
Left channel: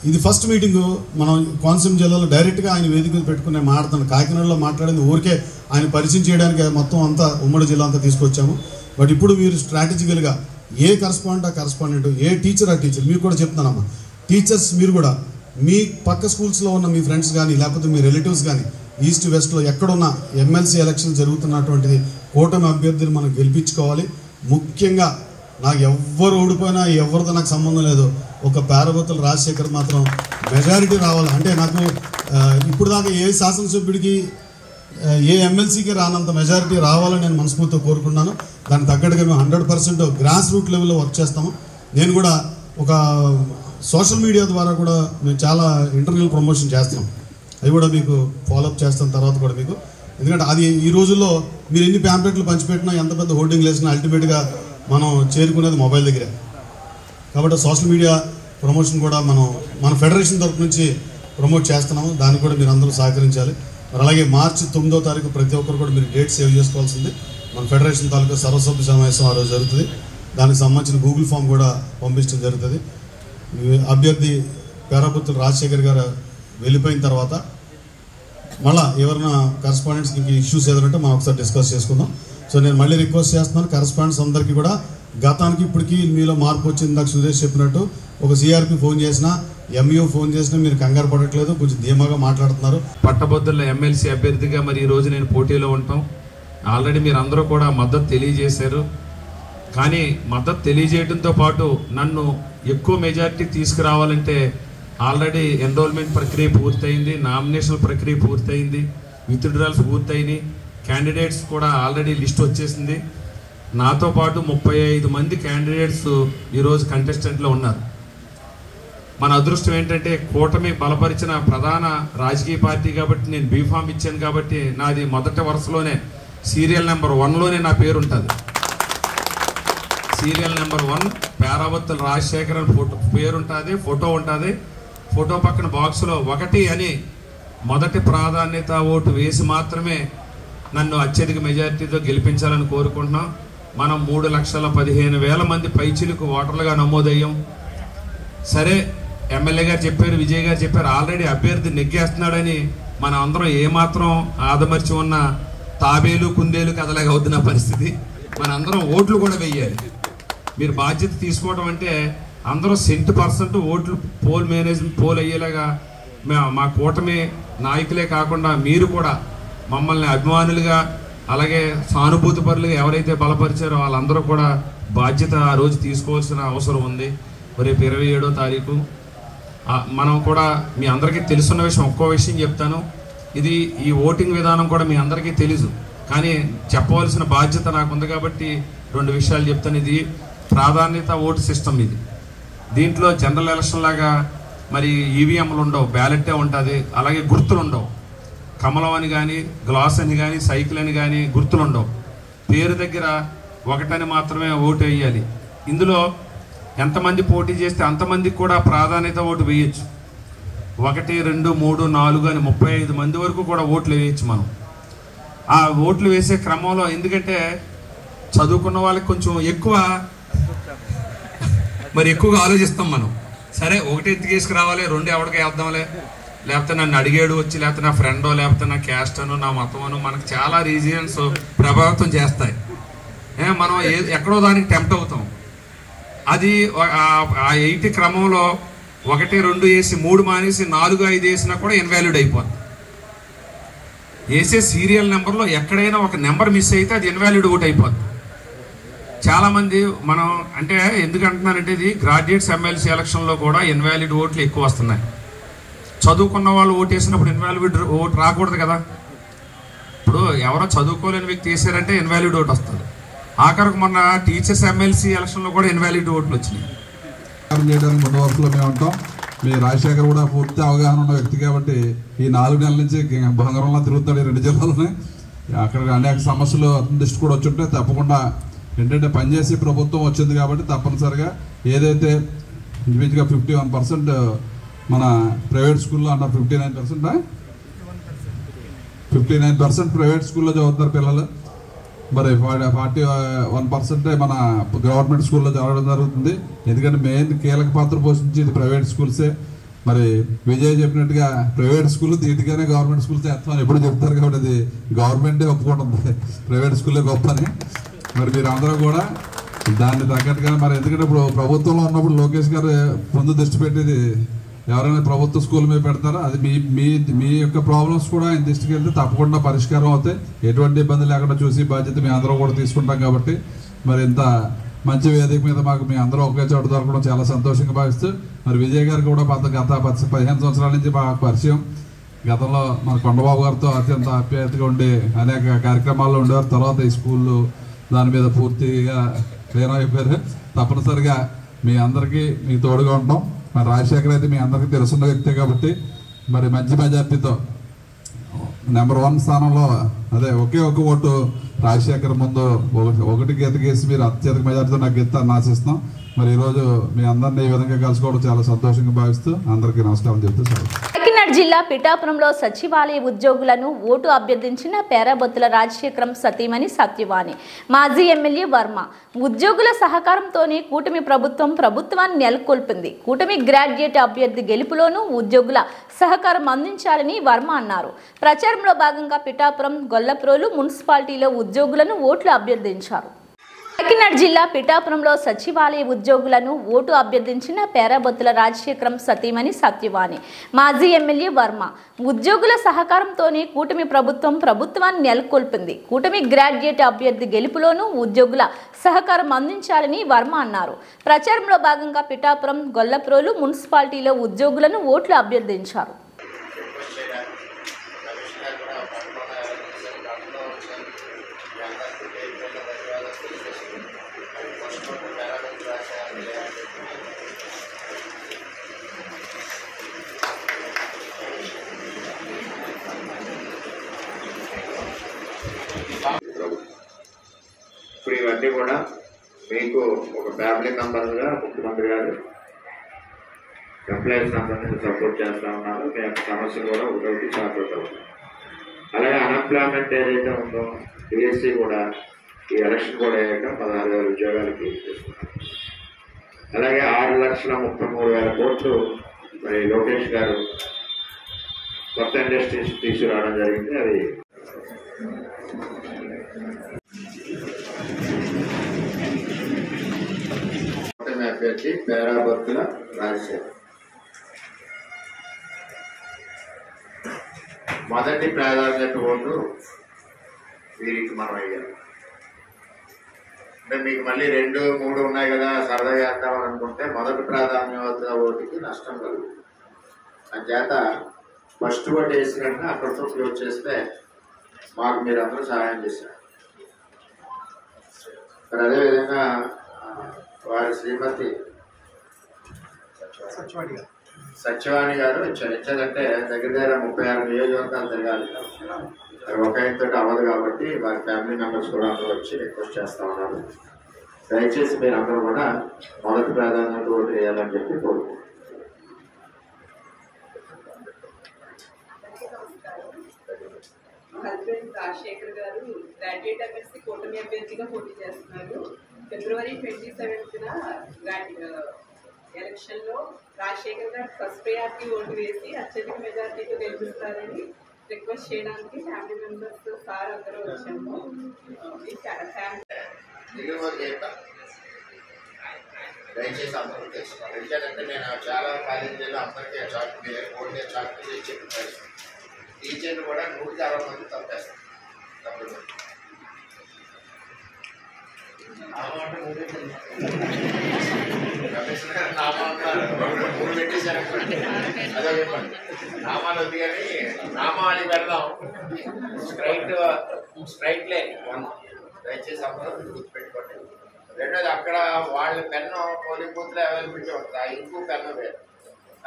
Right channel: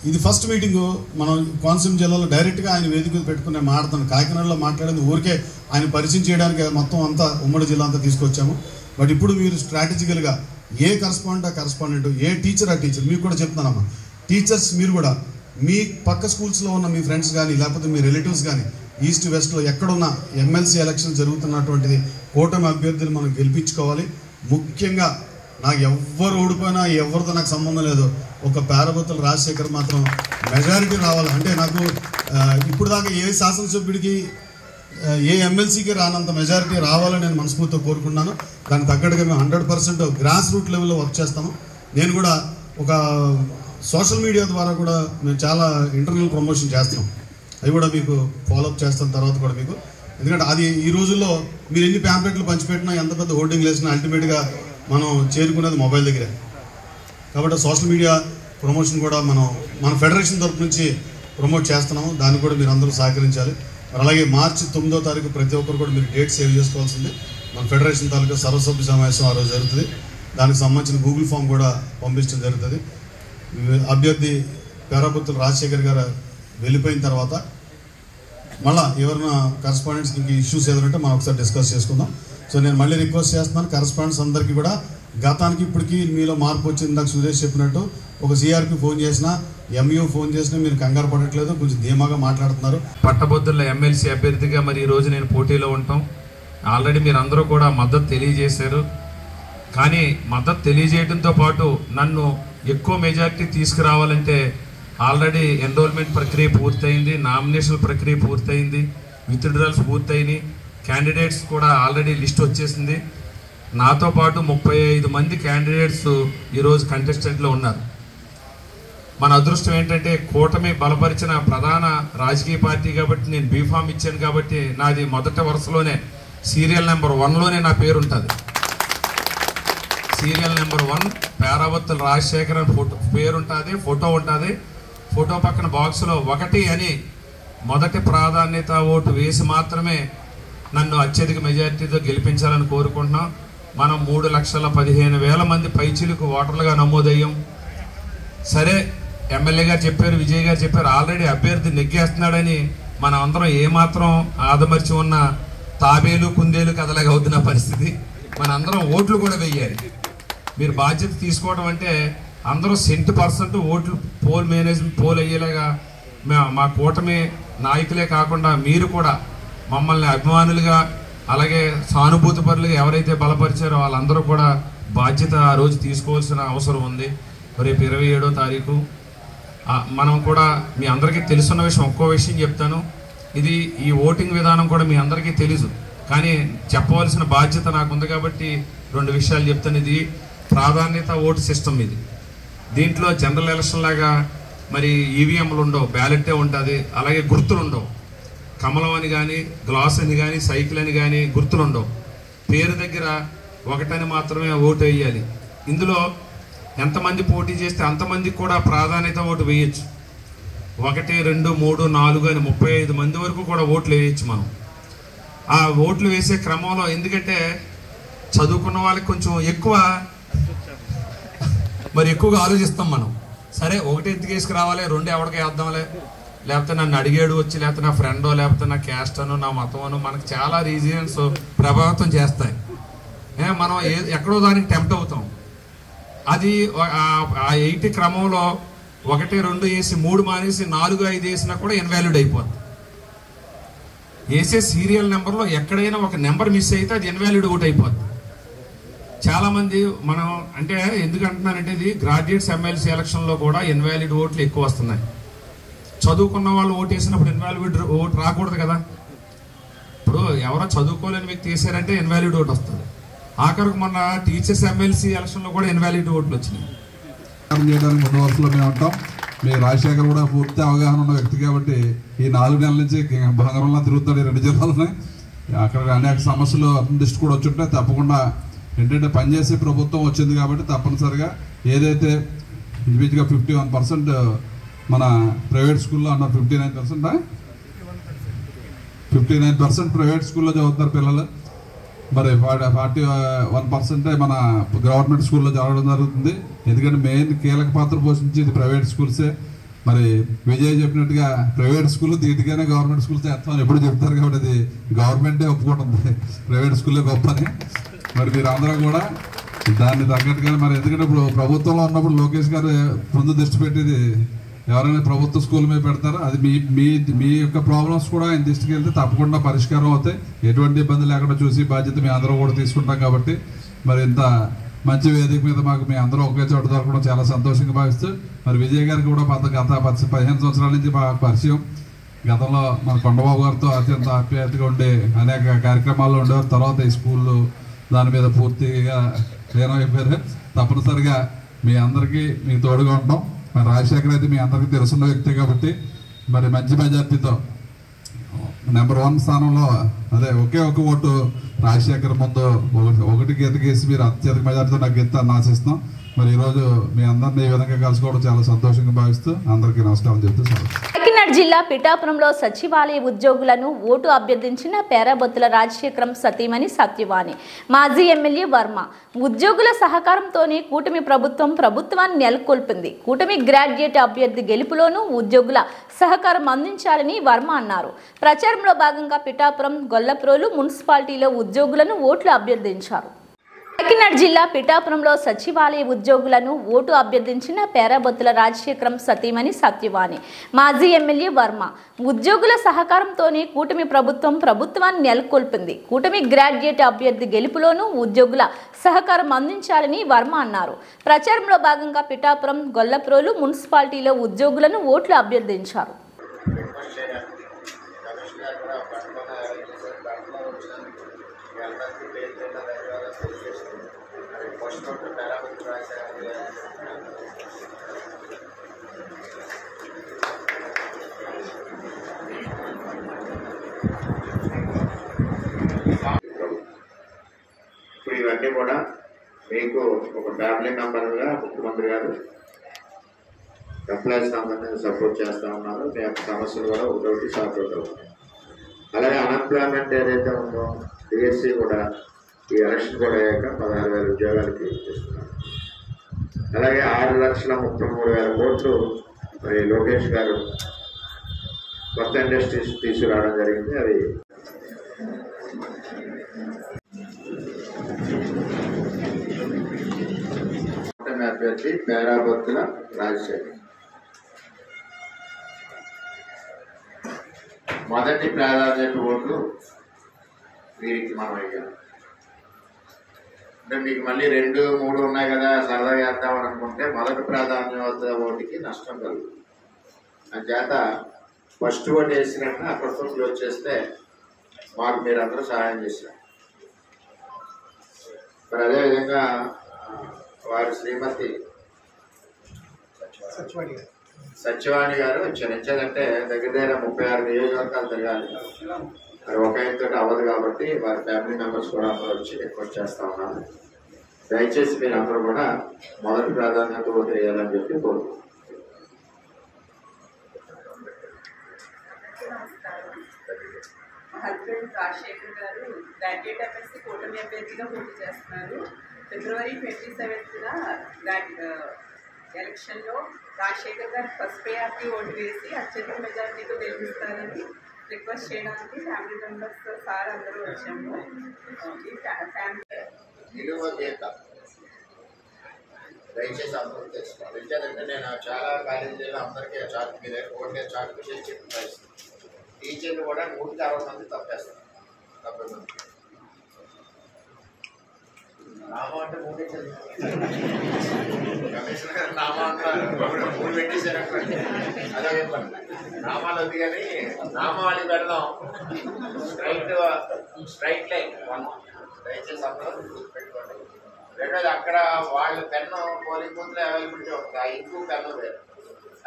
ఇది ఫస్ట్ మీటింగ్ మనం కోనసీమ జిల్లాలో డైరెక్ట్గా ఆయన వేదికలు పెట్టుకుని మాట్లాడుతాను. కాకినాడలో మాట్లాడింది ఊరికే ఆయన పరిచయం చేయడానికి మొత్తం అంతా ఉమ్మడి జిల్లా అంతా తీసుకొచ్చాము. బట్ ఇప్పుడు మీరు స్ట్రాటజికల్గా ఏ కరస్పాండెంట్, ఏ టీచర్, ఆ టీచర్ మీకు కూడా చెప్తున్నానమ్మా. టీచర్స్ మీరు కూడా మీ పక్క స్కూల్స్లో ఉన్న మీ ఫ్రెండ్స్ కానీ, లేకపోతే మీ రిలేటివ్స్ కానీ ఈస్ట్ వెస్ట్లో ఎక్కడున్న ఎమ్మెల్సీ ఎలక్షన్ జరుగుతున్నటువంటిది కూటమి అభ్యర్థులు మనం గెలిపించుకోవాలి. ముఖ్యంగా నాకు ఎవ్వరు ఓడిపోయినా ఎవరితో నాకు సంబంధం లేదు. ఒక పేరాబొత్తుల రాజశేఖర్ మాత్రం మెజారిటీ రావాలి. అంటే నాకు ఇప్పుడు దాకా ఏ శాసనసభ్యుడికి, ఏ ఎమ్మెల్సీకి రానంత మెజారిటీ రావాలని నేను మనస్ఫూర్తిగా కోరుకున్నాను. దానికి తగ్గట్టుగా మేము 100% గ్రాస్ రూట్ లెవెల్లో వర్క్ చేస్తాము. నేను కూడా ఒక సోషల్ మీడియా ద్వారా కూడా మేము చాలా ఇంటర్నల్ ప్రమోషన్ చేస్తాం. అవి కూడా మీకు ఫాలోఅప్ చేస్తాం తర్వాత కూడా మీకు. ఎందుకంటే అది ఈ రోజుల్లో మీరు ఎన్ని ప్యాంప్లెట్లు పంచిపెట్టినా, ఎంత పెద్ద హోర్డింగ్ వేసినా అల్టిమేట్గా మనం చేరుకునేది మొబైల్ దగ్గరే. కాబట్టి సోషల్ మీడియా ప్రమోషన్ కూడా మన ఫెడరేషన్ తరఫు నుంచి ప్రమోట్ చేస్తున్నాము. దాన్ని కూడా మీరు అందరూ సహకరించాలి. అలాగే మార్చి 9వ తారీఖు ప్రతి ఒక్కరు కూడా మీరు డేట్ సేవ్ చేసుకోవాల్సింది. మన ఫెడరేషన్ తాలూకా సర్వసభ్య సమావేశం ఆ రోజు జరుగుతుంది. దానికి సంబంధించిన గూగుల్ ఫామ్ కూడా పంపించడం జరుగుతుంది. అభ్యర్థి పేరాబుత్తుల రాజశేఖర్ గారు వెళ్ళిపోయిన తర్వాత మళ్ళీ ఎవరైనా కరెస్పాండెంట్స్కి ఇంక ఇష్యూస్ ఏదంటే మనం ఒకసారి డిస్కస్ చేసుకుందాం. సో నేను మళ్ళీ రిక్వెస్ట్ చేస్తున్నాను కరెస్పాండెంట్స్ అందరికీ కూడా, గతానికి ఇప్పటికీ మీలో మార్పు వచ్చింది. నాకు సురేష్ చెప్పినట్టు ఒక సిఆర్పి ఫోన్ చేసినా, ఎంయూ ఫోన్ చేసినా మీరు కంగారు పడట్లేదు, కొంచెం ధీమాగా మాట్లాడుతున్నారు. పట్టభద్రుల ఎమ్మెల్సీ అభ్యర్థిగా మరి ఈరోజు నేను పోటీలో ఉంటాం. ఆల్రెడీ మీరు అందరూ కూడా మద్దతు తెలియజేశారు. కానీ మద్దతు తెలియజేయడంతో పాటు నన్ను ఎక్కువ మెజారిటీ తీసుకురావాలంటే ఆల్రెడీ ఎన్రోల్మెంట్ ప్రక్రియ పూర్తయింది, నామినేషన్ ప్రక్రియ పూర్తయింది, విత్డ్రాల్స్ పూర్తయినాయి, క్యాండిడేట్స్ కూడా ఆల్రెడీ లిస్ట్ వచ్చేసింది. నాతో పాటు 35 మంది క్యాండిడేట్స్ ఈరోజు కంటెస్టెంట్లో ఉన్నారు. మన అదృష్టం ఏంటంటే కూటమి బలపరిచిన ప్రధాన రాజకీయ పార్టీ కాబట్టి నేను బీఫామ్ ఇచ్చాను కాబట్టి నాది మొదటి వరుసలోనే సీరియల్ నెంబర్ 1లోనే నా పేరు ఉంటుంది. సీరియల్ నెంబర్ 1 పేరాబుత్తుల రాజశేఖర్ అని పేరు ఉంటుంది, ఫోటో ఉంటుంది. ఫోటో పక్కన బాక్స్లో 1 అని మొదటి ప్రాధాన్యత ఓటు వేసి మాత్రమే నన్ను అత్యధిక మెజారిటీతో గెలిపించాలని కోరుకుంటున్నాం. మనం 3,15,000 మంది పైచిలకు ఓటర్లుగా నమోదయ్యాం. సరే, ఎమ్మెల్యే గారు చెప్పారు, విజయ్ గారు చెప్పారు, ఆల్రెడీ అభ్యర్థి నెగ్గేస్తున్నాడని మనం అందరం ఏమాత్రం ఆదమర్చి ఉన్న తాబేలు కుందేలు కథలాగా అవుతున్న పరిస్థితి. మనందరం ఓట్లు కూడా వెయ్యాలి. మీరు బాధ్యత తీసుకోవడం అంటే అందరూ 100% ఓట్లు పోల్ అయ్యేలాగా మా కూటమి నాయకులే కాకుండా మీరు కూడా మమ్మల్ని అభిమానులుగా అలాగే సానుభూతి పరులుగా ఎవరైతే బలపరిచారో వాళ్ళందరూ కూడా బాధ్యత ఆ రోజు తీసుకోవాల్సిన అవసరం ఉంది. రేపు 27వ తారీఖు మనం కూడా మీ అందరికీ తెలుసున్న విషయం, ఒక్కో విషయం చెప్తాను. ఈ ఓటింగ్ విధానం కూడా మీ అందరికీ తెలుసు, కానీ చెప్పవలసిన బాధ్యత నాకు ఉంది కాబట్టి 2 విషయాలు చెప్తాను. ఇది ప్రాధాన్యత ఓటు సిస్టమ్. దీంట్లో జనరల్ ఎలక్షన్ లాగా మరి ఈవీఎంలు ఉండవు, బ్యాలెట్టే ఉంటుంది. అలాగే గుర్తులు ఉండవు, కమలం అని కానీ గ్లాస్ అని కానీ సైకిల్ అని కానీ గుర్తులు ఉండవు. పేరు దగ్గర 1 అని మాత్రమే ఓటు వేయాలి. ఇందులో ఎంతమంది పోటీ చేస్తే అంతమందికి కూడా ప్రాధాన్యత ఓటు వేయచ్చు. 1, 2, 3, 4 అని 35 మంది వరకు కూడా ఓట్లు వేయచ్చు మనం. ఆ ఓట్లు వేసే క్రమంలో ఎందుకంటే చదువుకున్న వాళ్ళకి కొంచెం ఎక్కువగా ఆలోచిస్తాం మనం. సరే, 1 ఎందుకు తీసుకురావాలి, 2 ఎవరికి వేద్దాంలే, లేకపోతే నన్ను అడిగాడు వచ్చి, లేకపోతే నా ఫ్రెండో, లేకపోతే నా క్యాస్ట్ అను, నా మతం అను, మనకు చాలా రీజన్స్ ప్రభావితం చేస్తాయి. మనం ఎక్కడో దానికి టెంప్ట్ అవుతాం. అది ఆ 8 క్రమంలో 1, 2 వేసి 3 మానేసి 4, 5 వేసినా కూడా ఇన్వాలిడ్ అయిపోతుంది. వేసే సీరియల్ నెంబర్లో ఎక్కడైనా ఒక నెంబర్ మిస్ అయితే అది ఇన్వాలిడ్ ఓట్ అయిపోతుంది. చాలామంది మనం అంటే ఎందుకు అంటున్నారంటే ఇది గ్రాడ్యుయేట్స్ ఎమ్మెల్సీ ఎలక్షన్లో కూడా ఇన్వాలిడ్ ఓట్లు ఎక్కువ వస్తున్నాయి. చదువుకున్న వాళ్ళు ఓటు వేసినప్పుడు ఇన్వాలిడ్ ఓటు రాకూడదు కదా. ఇప్పుడు ఎవరో చదువుకోలేని వ్యక్తి వేసారంటే ఇన్వాలిడ్ ఓటు వస్తుంది. ఆఖరికి మొన్న టీచర్స్ ఎమ్మెల్సీ ఎలక్షన్లో కూడా ఇన్వాలిడ్ ఓట్లు వచ్చినాయి. చేయడానికి ముందు వరుసలో మేము ఉంటాం. మీ రాజశేఖర్ కూడా పూర్తి అవగాహన ఉన్న వ్యక్తి కాబట్టి ఈ 4 నెలల నుంచి బంగారంలో తిరుగుతాడు 2 జిల్లాలని. అక్కడ అనేక సమస్యలు అతని దృష్టి కూడా వచ్చుంటాయి. తప్పకుండా ఏంటంటే పనిచేసే ప్రభుత్వం వచ్చింది కాబట్టి తప్పనిసరిగా ఏదైతే ఇంచుమించుగా 51% మన ప్రైవేట్ స్కూల్లో అన్న 59% ప్రైవేట్ స్కూల్లో చదువుతున్నారు పిల్లలు. మరి 41% మన గవర్నమెంట్ స్కూల్లో చదవడం జరుగుతుంది. ఎందుకంటే మెయిన్ కీలక పాత్ర పోషించేది ప్రైవేట్ స్కూల్సే. మరి విజయ్ చెప్పినట్టుగా ప్రైవేట్ స్కూల్ దీటిగానే గవర్నమెంట్ స్కూల్ చేస్తామని ఎప్పుడు చెప్తారు కాబట్టి అది గవర్నమెంటే ఒప్పుకుంటుంది ప్రైవేట్ స్కూల్లో గొప్పని. మరి మీరు అందరూ కూడా దాన్ని తగ్గట్టుగా మరి ఎందుకంటే ఇప్పుడు ప్రభుత్వంలో ఉన్నప్పుడు లోకేష్ గారు ముందు దృష్టి పెట్టేది ఎవరైనా ప్రభుత్వ స్కూల్ మీద పెడతారో అది మీ యొక్క ప్రాబ్లమ్స్ కూడా ఆయన దృష్టికి వెళ్తే తప్పకుండా పరిష్కారం అవుతాయి. ఎటువంటి ఇబ్బంది లేకుండా చూసి బాధ్యత మీ అందరూ కూడా తీసుకుంటాం కాబట్టి మరి ఇంత మంచి వేదిక మీద మాకు మీ అందరూ ఒకే చోట దొరకడం చాలా సంతోషంగా భావిస్తూ మరి విజయ్ గారికి కూడా గత 15 సంవత్సరాల నుంచి మాకు పరిచయం. గతంలో మన కొండబాబు గారితో అత్యంత ఆప్యాయతగా ఉండే అనేక కార్యక్రమాల్లో ఉండేవారు. తర్వాత ఈ స్కూళ్ళు దాని మీద పూర్తిగా లీనమైపోయారు. తప్పనిసరిగా మీ అందరికీ మీ తోడుగా ఉంటాం. మరి రాజశేఖర్ అయితే మీ అందరికీ తెలుసున్న వ్యక్తే కాబట్టి మరి మంచి మెజార్టీతో నెంబర్ 1 స్థానంలో అదే ఒకే ఒక ఓటు రాజశేఖర్ ముందు ఒకటికి ఎదిగేసి మీరు అత్యధిక మెజార్టీతో నాకు గెలుస్తారని ఆశిస్తున్నాం. మరి ఈరోజు మీ అందరినీ ఈ విధంగా కలుసుకోవడం చాలా సంతోషంగా భావిస్తూ అందరికీ నమస్కారం చెప్తూ కాకినాడ జిల్లా పిఠాపురంలో సచివాలయ ఉద్యోగులను ఓటు అభ్యర్థించిన పేరాబొత్తుల రాజశేఖరం సతీమణి సత్యవాణి మాజీ ఎమ్మెల్యే వర్మ ఉద్యోగుల సహకారంతోనే కూటమి ప్రభుత్వాన్ని నెలకొల్పింది. కూటమి గ్రాడ్యుయేట్ అభ్యర్థి గెలుపులోనూ ఉద్యోగుల సహకారం అందించాలని వర్మ అన్నారు. ప్రచారంలో భాగంగా పిఠాపురం గొల్లప్రోలు మున్సిపాలిటీలో ఉద్యోగులను ఓట్లు అభ్యర్థించారు. కాకినాడ జిల్లా పిఠాపురంలో సచివాలయ ఉద్యోగులను ఓటు అభ్యర్థించిన పేరాబొత్తుల రాజశేఖరం సతీమణి సత్యవాణి మాజీ ఎమ్మెల్యే వర్మ ఉద్యోగుల సహకారంతోనే కూటమి ప్రభుత్వాన్ని నెలకొల్పింది. కూటమి గ్రాడ్యుయేట్ అభ్యర్థి గెలుపులోనూ ఉద్యోగుల సహకారం అందించాలని వర్మ అన్నారు. ప్రచారంలో భాగంగా పిఠాపురం గొల్లప్రోలు మున్సిపాలిటీలో ఉద్యోగులను ఓట్లు అభ్యర్థించారు. ఇప్పుడు ఇవన్నీ కూడా మీకు ఒక ఫ్యామిలీ మెంబర్గా ముఖ్యమంత్రి గారు ఎంప్లాయీస్ అందరినీ సపోర్ట్ చేస్తూ ఉన్నారు. మీ యొక్క సమస్యలు కూడా ఒకటి సార్ట్ అవుతాయి. అలాగే అన్ఎంప్లాయ్మెంట్ ఏదైతే ఉందో డిఎస్సి కూడా ఈ ఎలక్షన్ కూడా అయ్యాక 16,000 ఉద్యోగాలకి ఇస్తున్నారు. అలాగే 6,33,000 కోట్లు మరి లోకేష్ గారు కొత్త ఇండస్ట్రీస్ తీసుకురావడం జరిగింది. అది అభ్యర్థి పేరాబొత్తుల రాజశేఖర్ మొదటి ప్రాధాన్యత ఓటు వీరికి మనం అయ్యాం. అంటే మీకు మళ్ళీ 2, 3 ఉన్నాయి కదా సరదాగా వేద్దామని అనుకుంటే మొదటి ప్రాధాన్యత ఓటుకి నష్టం కలుగుతుంది. అంచేత ఫస్ట్ ఓటు వేసినట్టు అక్కడితో క్లోజ్ చేస్తే మాకు మీరందరూ సహాయం చేశారు. మరి అదేవిధంగా వారి శ్రీమతి సత్యవాణి గారు చరించాలంటే దగ్గర 36 నియోజకవర్గాలు తిరగాలి. మరి ఒక ఆయనతో అవ్వదు కాబట్టి వారి ఫ్యామిలీ మెంబర్స్ కూడా అందరూ వచ్చి రిక్వెస్ట్ చేస్తా ఉన్నాము. దయచేసి మీరు అందరూ కూడా మొదటి ప్రాధాన్యత ఓటు వేయాలని చెప్పి కోరుకుంటున్నాను. మా హస్బెండ్ రాజశేఖర్ గారు గ్రాడ్యుయేట్ ఎమ్మెల్సీ కూటమి అభ్యర్థిగా పోటీ చేస్తున్నారు. ఫిబ్రవరి 27న ఎలక్షన్లో రాజశేఖర్ గారు ఫస్ట్ ప్రయారిటీ ఓటు వేసి అత్యధిక మెజార్టీతో గెలిపిస్తారని రిక్వెస్ట్ చేయడానికి ఫ్యామిలీ మెంబర్స్ సార్ అందరూ వచ్చాము. ఈ ఫ్యామిలీ దయచేసి అందరూ తెలుసుకోవాలి. ఎందుకంటే నేను చాలా కాలేజీలో అందరికీ చార్ట్ మీద ఓటే చార్ట్ మీద చెప్పి టీచర్లు కూడా 160 మంది తప్పేస్తారు. 70 మంది నామం అంటే 3 కమిషనర్ గారు నామా అంటారు. 3 పెట్టేశారనుకోండి అదో చెప్పండి. నామాలు వద్దు కానీ నామావళి వెళ్ళడం స్ట్రైట్ లైన్ 1. దయచేసి అందరూ గుర్తుపెట్టుకోండి. రెండోది అక్కడ వాళ్ళ పెన్ను పోలింగ్ బూత్లో అవైలబిలిటీ ఉంటుంది. ఆ ఇంకూ పెన్ను వేరు.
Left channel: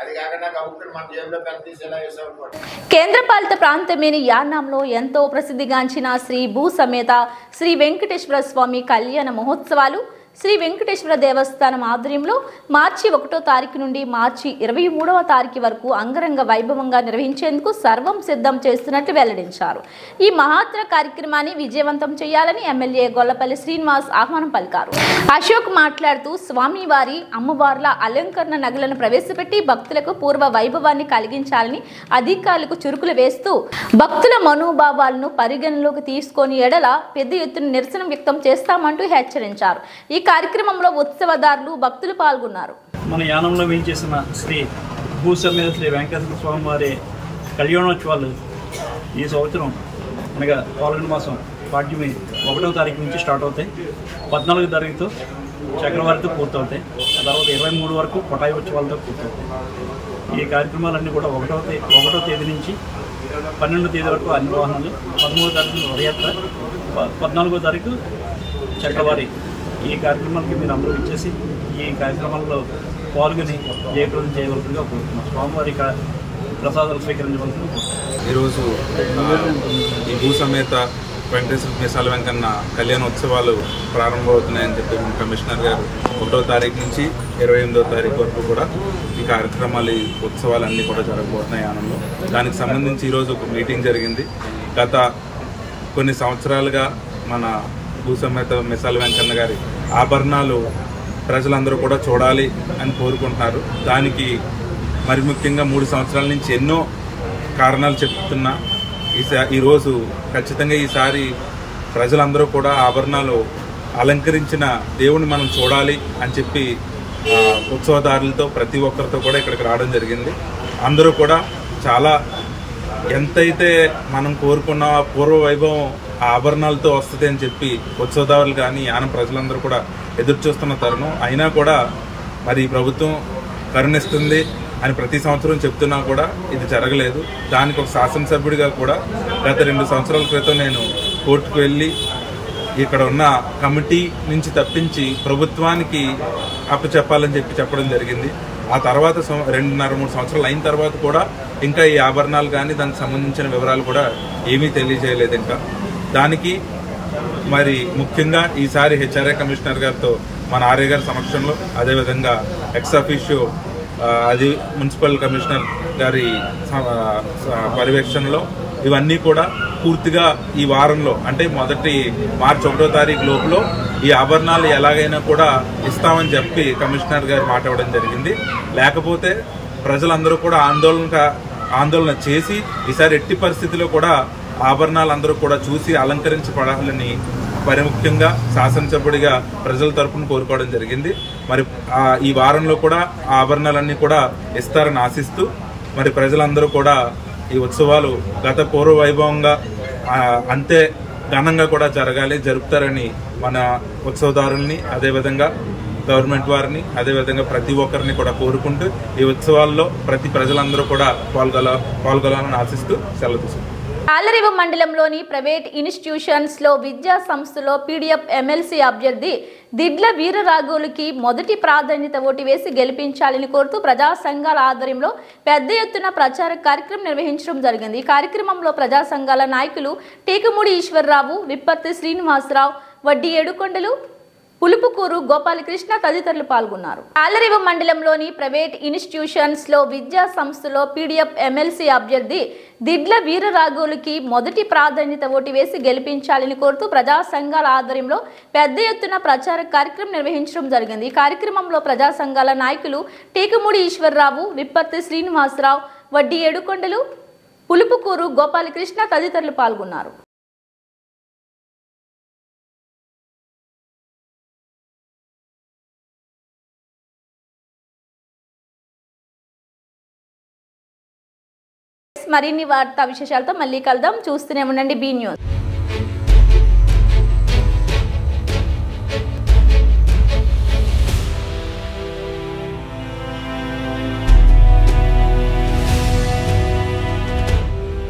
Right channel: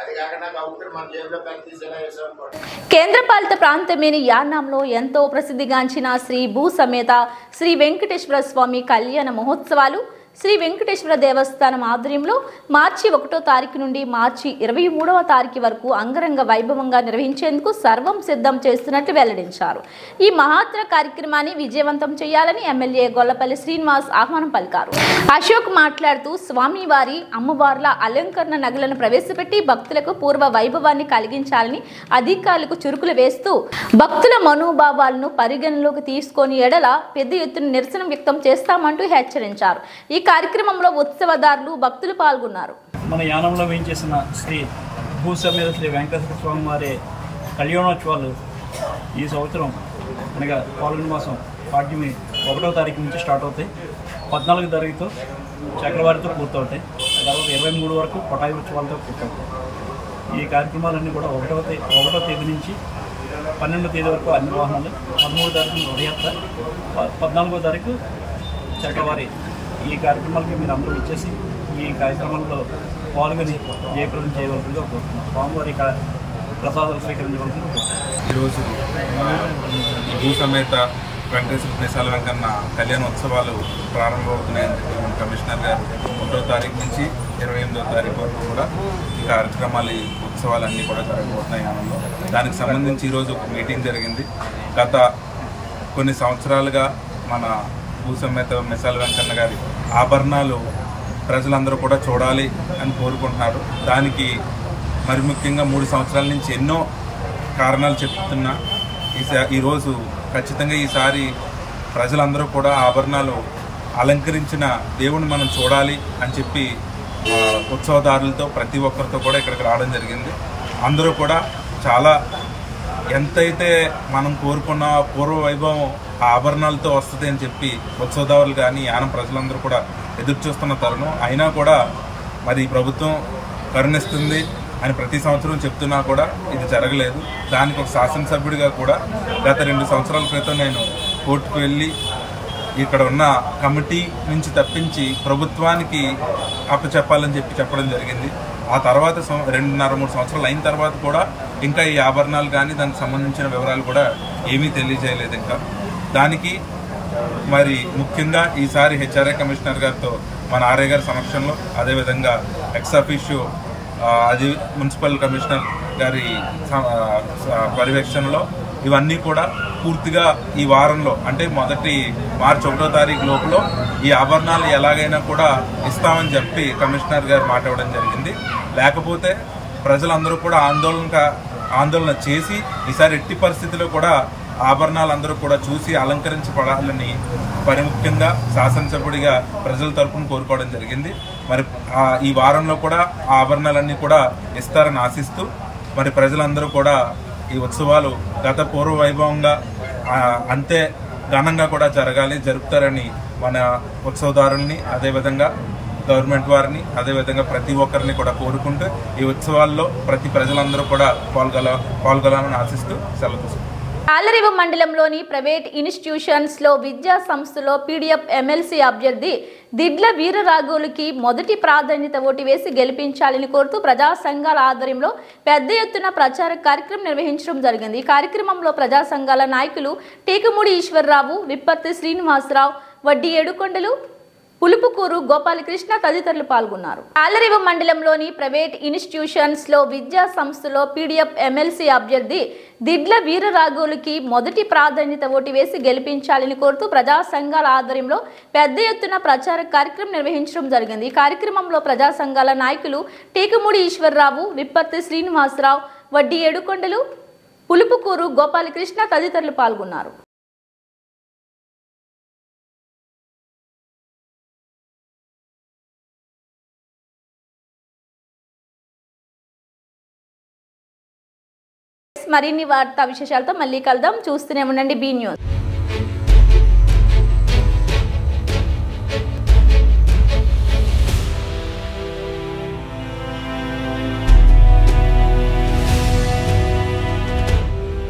అది కాకుండా కౌంటర్ మన జేబులో పెన్ను తీసేలా వేసామనుకోండి. కేంద్రపాలిత ప్రాంతమైన యానాంలో ఎంతో ప్రసిద్ధిగాంచిన శ్రీ భూ సమేత శ్రీ వెంకటేశ్వర స్వామి కళ్యాణ మహోత్సవాలు శ్రీ వెంకటేశ్వర దేవస్థానం ఆధ్వర్యంలో మార్చి 1వ తారీఖు నుండి మార్చి 23వ తారీఖు వరకు అంగరంగ వైభవంగా నిర్వహించేందుకు సర్వం సిద్ధం చేస్తున్నట్లు వెల్లడించారు. ఈ మహత్తర కార్యక్రమాన్ని విజయవంతం చేయాలని ఎమ్మెల్యే గొల్లపల్లి శ్రీనివాస్ ఆహ్వానం పలికారు. అశోక్ మాట్లాడుతూ స్వామివారి అమ్మవార్ల అలంకరణ నగలను ప్రవేశపెట్టి భక్తులకు పూర్వ వైభవాన్ని కలిగించాలని అధికారులకు చురుకులు వేస్తూ భక్తుల మనోభావాలను పరిగణలోకి తీసుకొని ఎడల పెద్ద ఎత్తున నిరసన వ్యక్తం చేస్తామంటూ హెచ్చరించారు. ఈ కార్యక్రమంలో ఉత్సవదారులు భక్తులు పాల్గొన్నారు. మన యానంలో వేయించేసిన శ్రీ భూసమేత శ్రీ వెంకటేశ్వర స్వామి వారి కళ్యాణోత్సవాలు ఈ సంవత్సరం అనగా పాల్గొన మాసం పాడ్యమి 1వ తారీఖు నుంచి స్టార్ట్ అవుతాయి. 14వ తారీఖుతో చక్రవారితో పూర్తవుతాయి. తర్వాత 23 వరకు పటాయి ఉత్సవాలతో పూర్తవుతాయి. ఈ కార్యక్రమాలన్నీ కూడా 1వ తేదీ నుంచి 12వ తేదీ వరకు అన్ని వాహనాలు, 13వ తారీఖు రథయాత్ర, 14వ తారీఖు చక్రవారి. ఈ కార్యక్రమాలకి మీరు అందరూ ఇచ్చేసి ఈ కార్యక్రమాల్లో పాల్గొని జయప్రదం చేయవలసిందిగా కోరుతున్నాం. స్వామివారి ప్రసాదాలు స్వీకరించవలసింది. ఈరోజు ఈ భూ సమేత వెంకటేశ్వర మిసాల వెంకన్న కళ్యాణోత్సవాలు ప్రారంభమవుతున్నాయని చెప్పి మన కమిషనర్ గారు 1వ తారీఖు నుంచి 28వ తారీఖు వరకు కూడా ఈ కార్యక్రమాలు ఈ ఉత్సవాలన్నీ కూడా జరగబోతున్నాయి యానంలో. దానికి సంబంధించి ఈరోజు ఒక మీటింగ్ జరిగింది. గత కొన్ని సంవత్సరాలుగా మన భూ సమేత మిసాల వెంకన్న గారి ఆభరణాలు ప్రజలందరూ కూడా చూడాలి అని కోరుకుంటున్నారు. దానికి మరి ముఖ్యంగా 3 సంవత్సరాల నుంచి ఎన్నో కారణాలు చెప్తున్నా ఈరోజు ఖచ్చితంగా ఈసారి ప్రజలందరూ కూడా ఆభరణాలు అలంకరించిన దేవుని మనం చూడాలి అని చెప్పి ఉత్సవదారులతో ప్రతి ఒక్కరితో కూడా ఇక్కడికి రావడం జరిగింది. అందరూ కూడా చాలా ఎంతైతే మనం కోరుకున్న పూర్వ వైభవం ఆ ఆభరణాలతో వస్తుంది అని చెప్పి ఉత్సవదారులు కానీ యానం ప్రజలందరూ కూడా ఎదురు చూస్తున్న తరుణం. అయినా కూడా మరి ప్రభుత్వం కరుణిస్తుంది అని ప్రతి సంవత్సరం చెప్తున్నా కూడా ఇది జరగలేదు. దానికి ఒక శాసనసభ్యుడిగా కూడా గత 2 సంవత్సరాల క్రితం నేను కోర్టుకు వెళ్ళి ఇక్కడ ఉన్న కమిటీ నుంచి తప్పించి ప్రభుత్వానికి అప్పచెప్పాలని చెప్పడం జరిగింది. ఆ తర్వాత 2.5-3 సంవత్సరాలు అయిన తర్వాత కూడా ఇంకా ఈ ఆభరణాలు కానీ దానికి సంబంధించిన వివరాలు కూడా ఏమీ తెలియజేయలేదు. ఇంకా దానికి మరి ముఖ్యంగా ఈసారి హెచ్ఆర్ఏ కమిషనర్ గారితో మన ఆర్ఏ గారి సమక్షంలో, అదేవిధంగా ఎక్స్ అఫీషియో అది మున్సిపల్ కమిషనర్ గారి పర్యవేక్షణలో ఇవన్నీ కూడా పూర్తిగా ఈ వారంలో అంటే మొదటి మార్చి 1వ తారీఖు లోపల ఈ ఆభరణాలు ఎలాగైనా కూడా ఇస్తామని చెప్పి కమిషనర్ గారు మాట ఇవ్వడం జరిగింది. లేకపోతే ప్రజలందరూ కూడా ఆందోళన చేసి ఈసారి ఎట్టి పరిస్థితిలో కూడా ఆభరణాలు అందరూ కూడా చూసి అలంకరించబడాలని ముఖ్యంగా శాసనసభ్యుడిగా ప్రజల తరపున కోరుకోవడం జరిగింది. మరి ఈ వారంలో కూడా ఆ ఆభరణాలన్నీ కూడా ఇస్తారని ఆశిస్తూ మరి ప్రజలందరూ కూడా ఈ ఉత్సవాలు గత పూర్వ వైభవంగా అంతే ఘనంగా కూడా జరుపుతారని మన ఉత్సవదారుల్ని, అదేవిధంగా గవర్నమెంట్ వారిని, అదేవిధంగా ప్రతి ఒక్కరిని కూడా కోరుకుంటూ ఈ ఉత్సవాల్లో ప్రతి ప్రజలందరూ కూడా పాల్గొనాలని ఆశిస్తూ సెలవు తీసుకుంటారు. తాళ్లరేవు మండలంలోని ప్రైవేట్ ఇన్స్టిట్యూషన్స్ లో విద్యా సంస్థలో పీడీఎఫ్ ఎమ్మెల్సీ అభ్యర్థి దిడ్ల వీరరాఘవులకి మొదటి ప్రాధాన్యత ఓటు వేసి గెలిపించాలని కోరుతూ ప్రజా సంఘాల ఆధ్వర్యంలో పెద్ద ఎత్తున ప్రచార కార్యక్రమం నిర్వహించడం జరిగింది. ఈ కార్యక్రమంలో ప్రజా సంఘాల నాయకులు టీకమూడి ఈశ్వరరావు, విప్పర్తి శ్రీనివాసరావు, వడ్డీ ఏడుకొండలు, పులుపుకూరు గోపాలకృష్ణ తదితరులు పాల్గొన్నారు. తాళ్లరేవు మండలంలోని ప్రైవేట్ ఇన్స్టిట్యూషన్స్ లో విద్యా సంస్థలో పీడీఎఫ్ ఎమ్మెల్సీ అభ్యర్థి దిడ్ల వీరరాఘవులకి మొదటి ప్రాధాన్యత ఓటు వేసి గెలిపించాలని కోరుతూ ప్రజా సంఘాల ఆధ్వర్యంలో పెద్ద ఎత్తున ప్రచార కార్యక్రమం నిర్వహించడం జరిగింది. ఈ కార్యక్రమంలో ప్రజా సంఘాల నాయకులు టీకమూడి ఈశ్వరరావు, విప్పర్తి శ్రీనివాసరావు, వడ్డీ ఏడుకొండలు, పులుపుకూరు గోపాలకృష్ణ తదితరులు పాల్గొన్నారు. మరిన్ని వార్తా విశేషాలతో మళ్ళీ కలుద్దాం. చూస్తూనే ఉండండి బీ న్యూస్.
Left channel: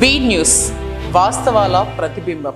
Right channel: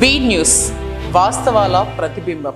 బీ న్యూస్, వాస్తవాల ప్రతిబింబం.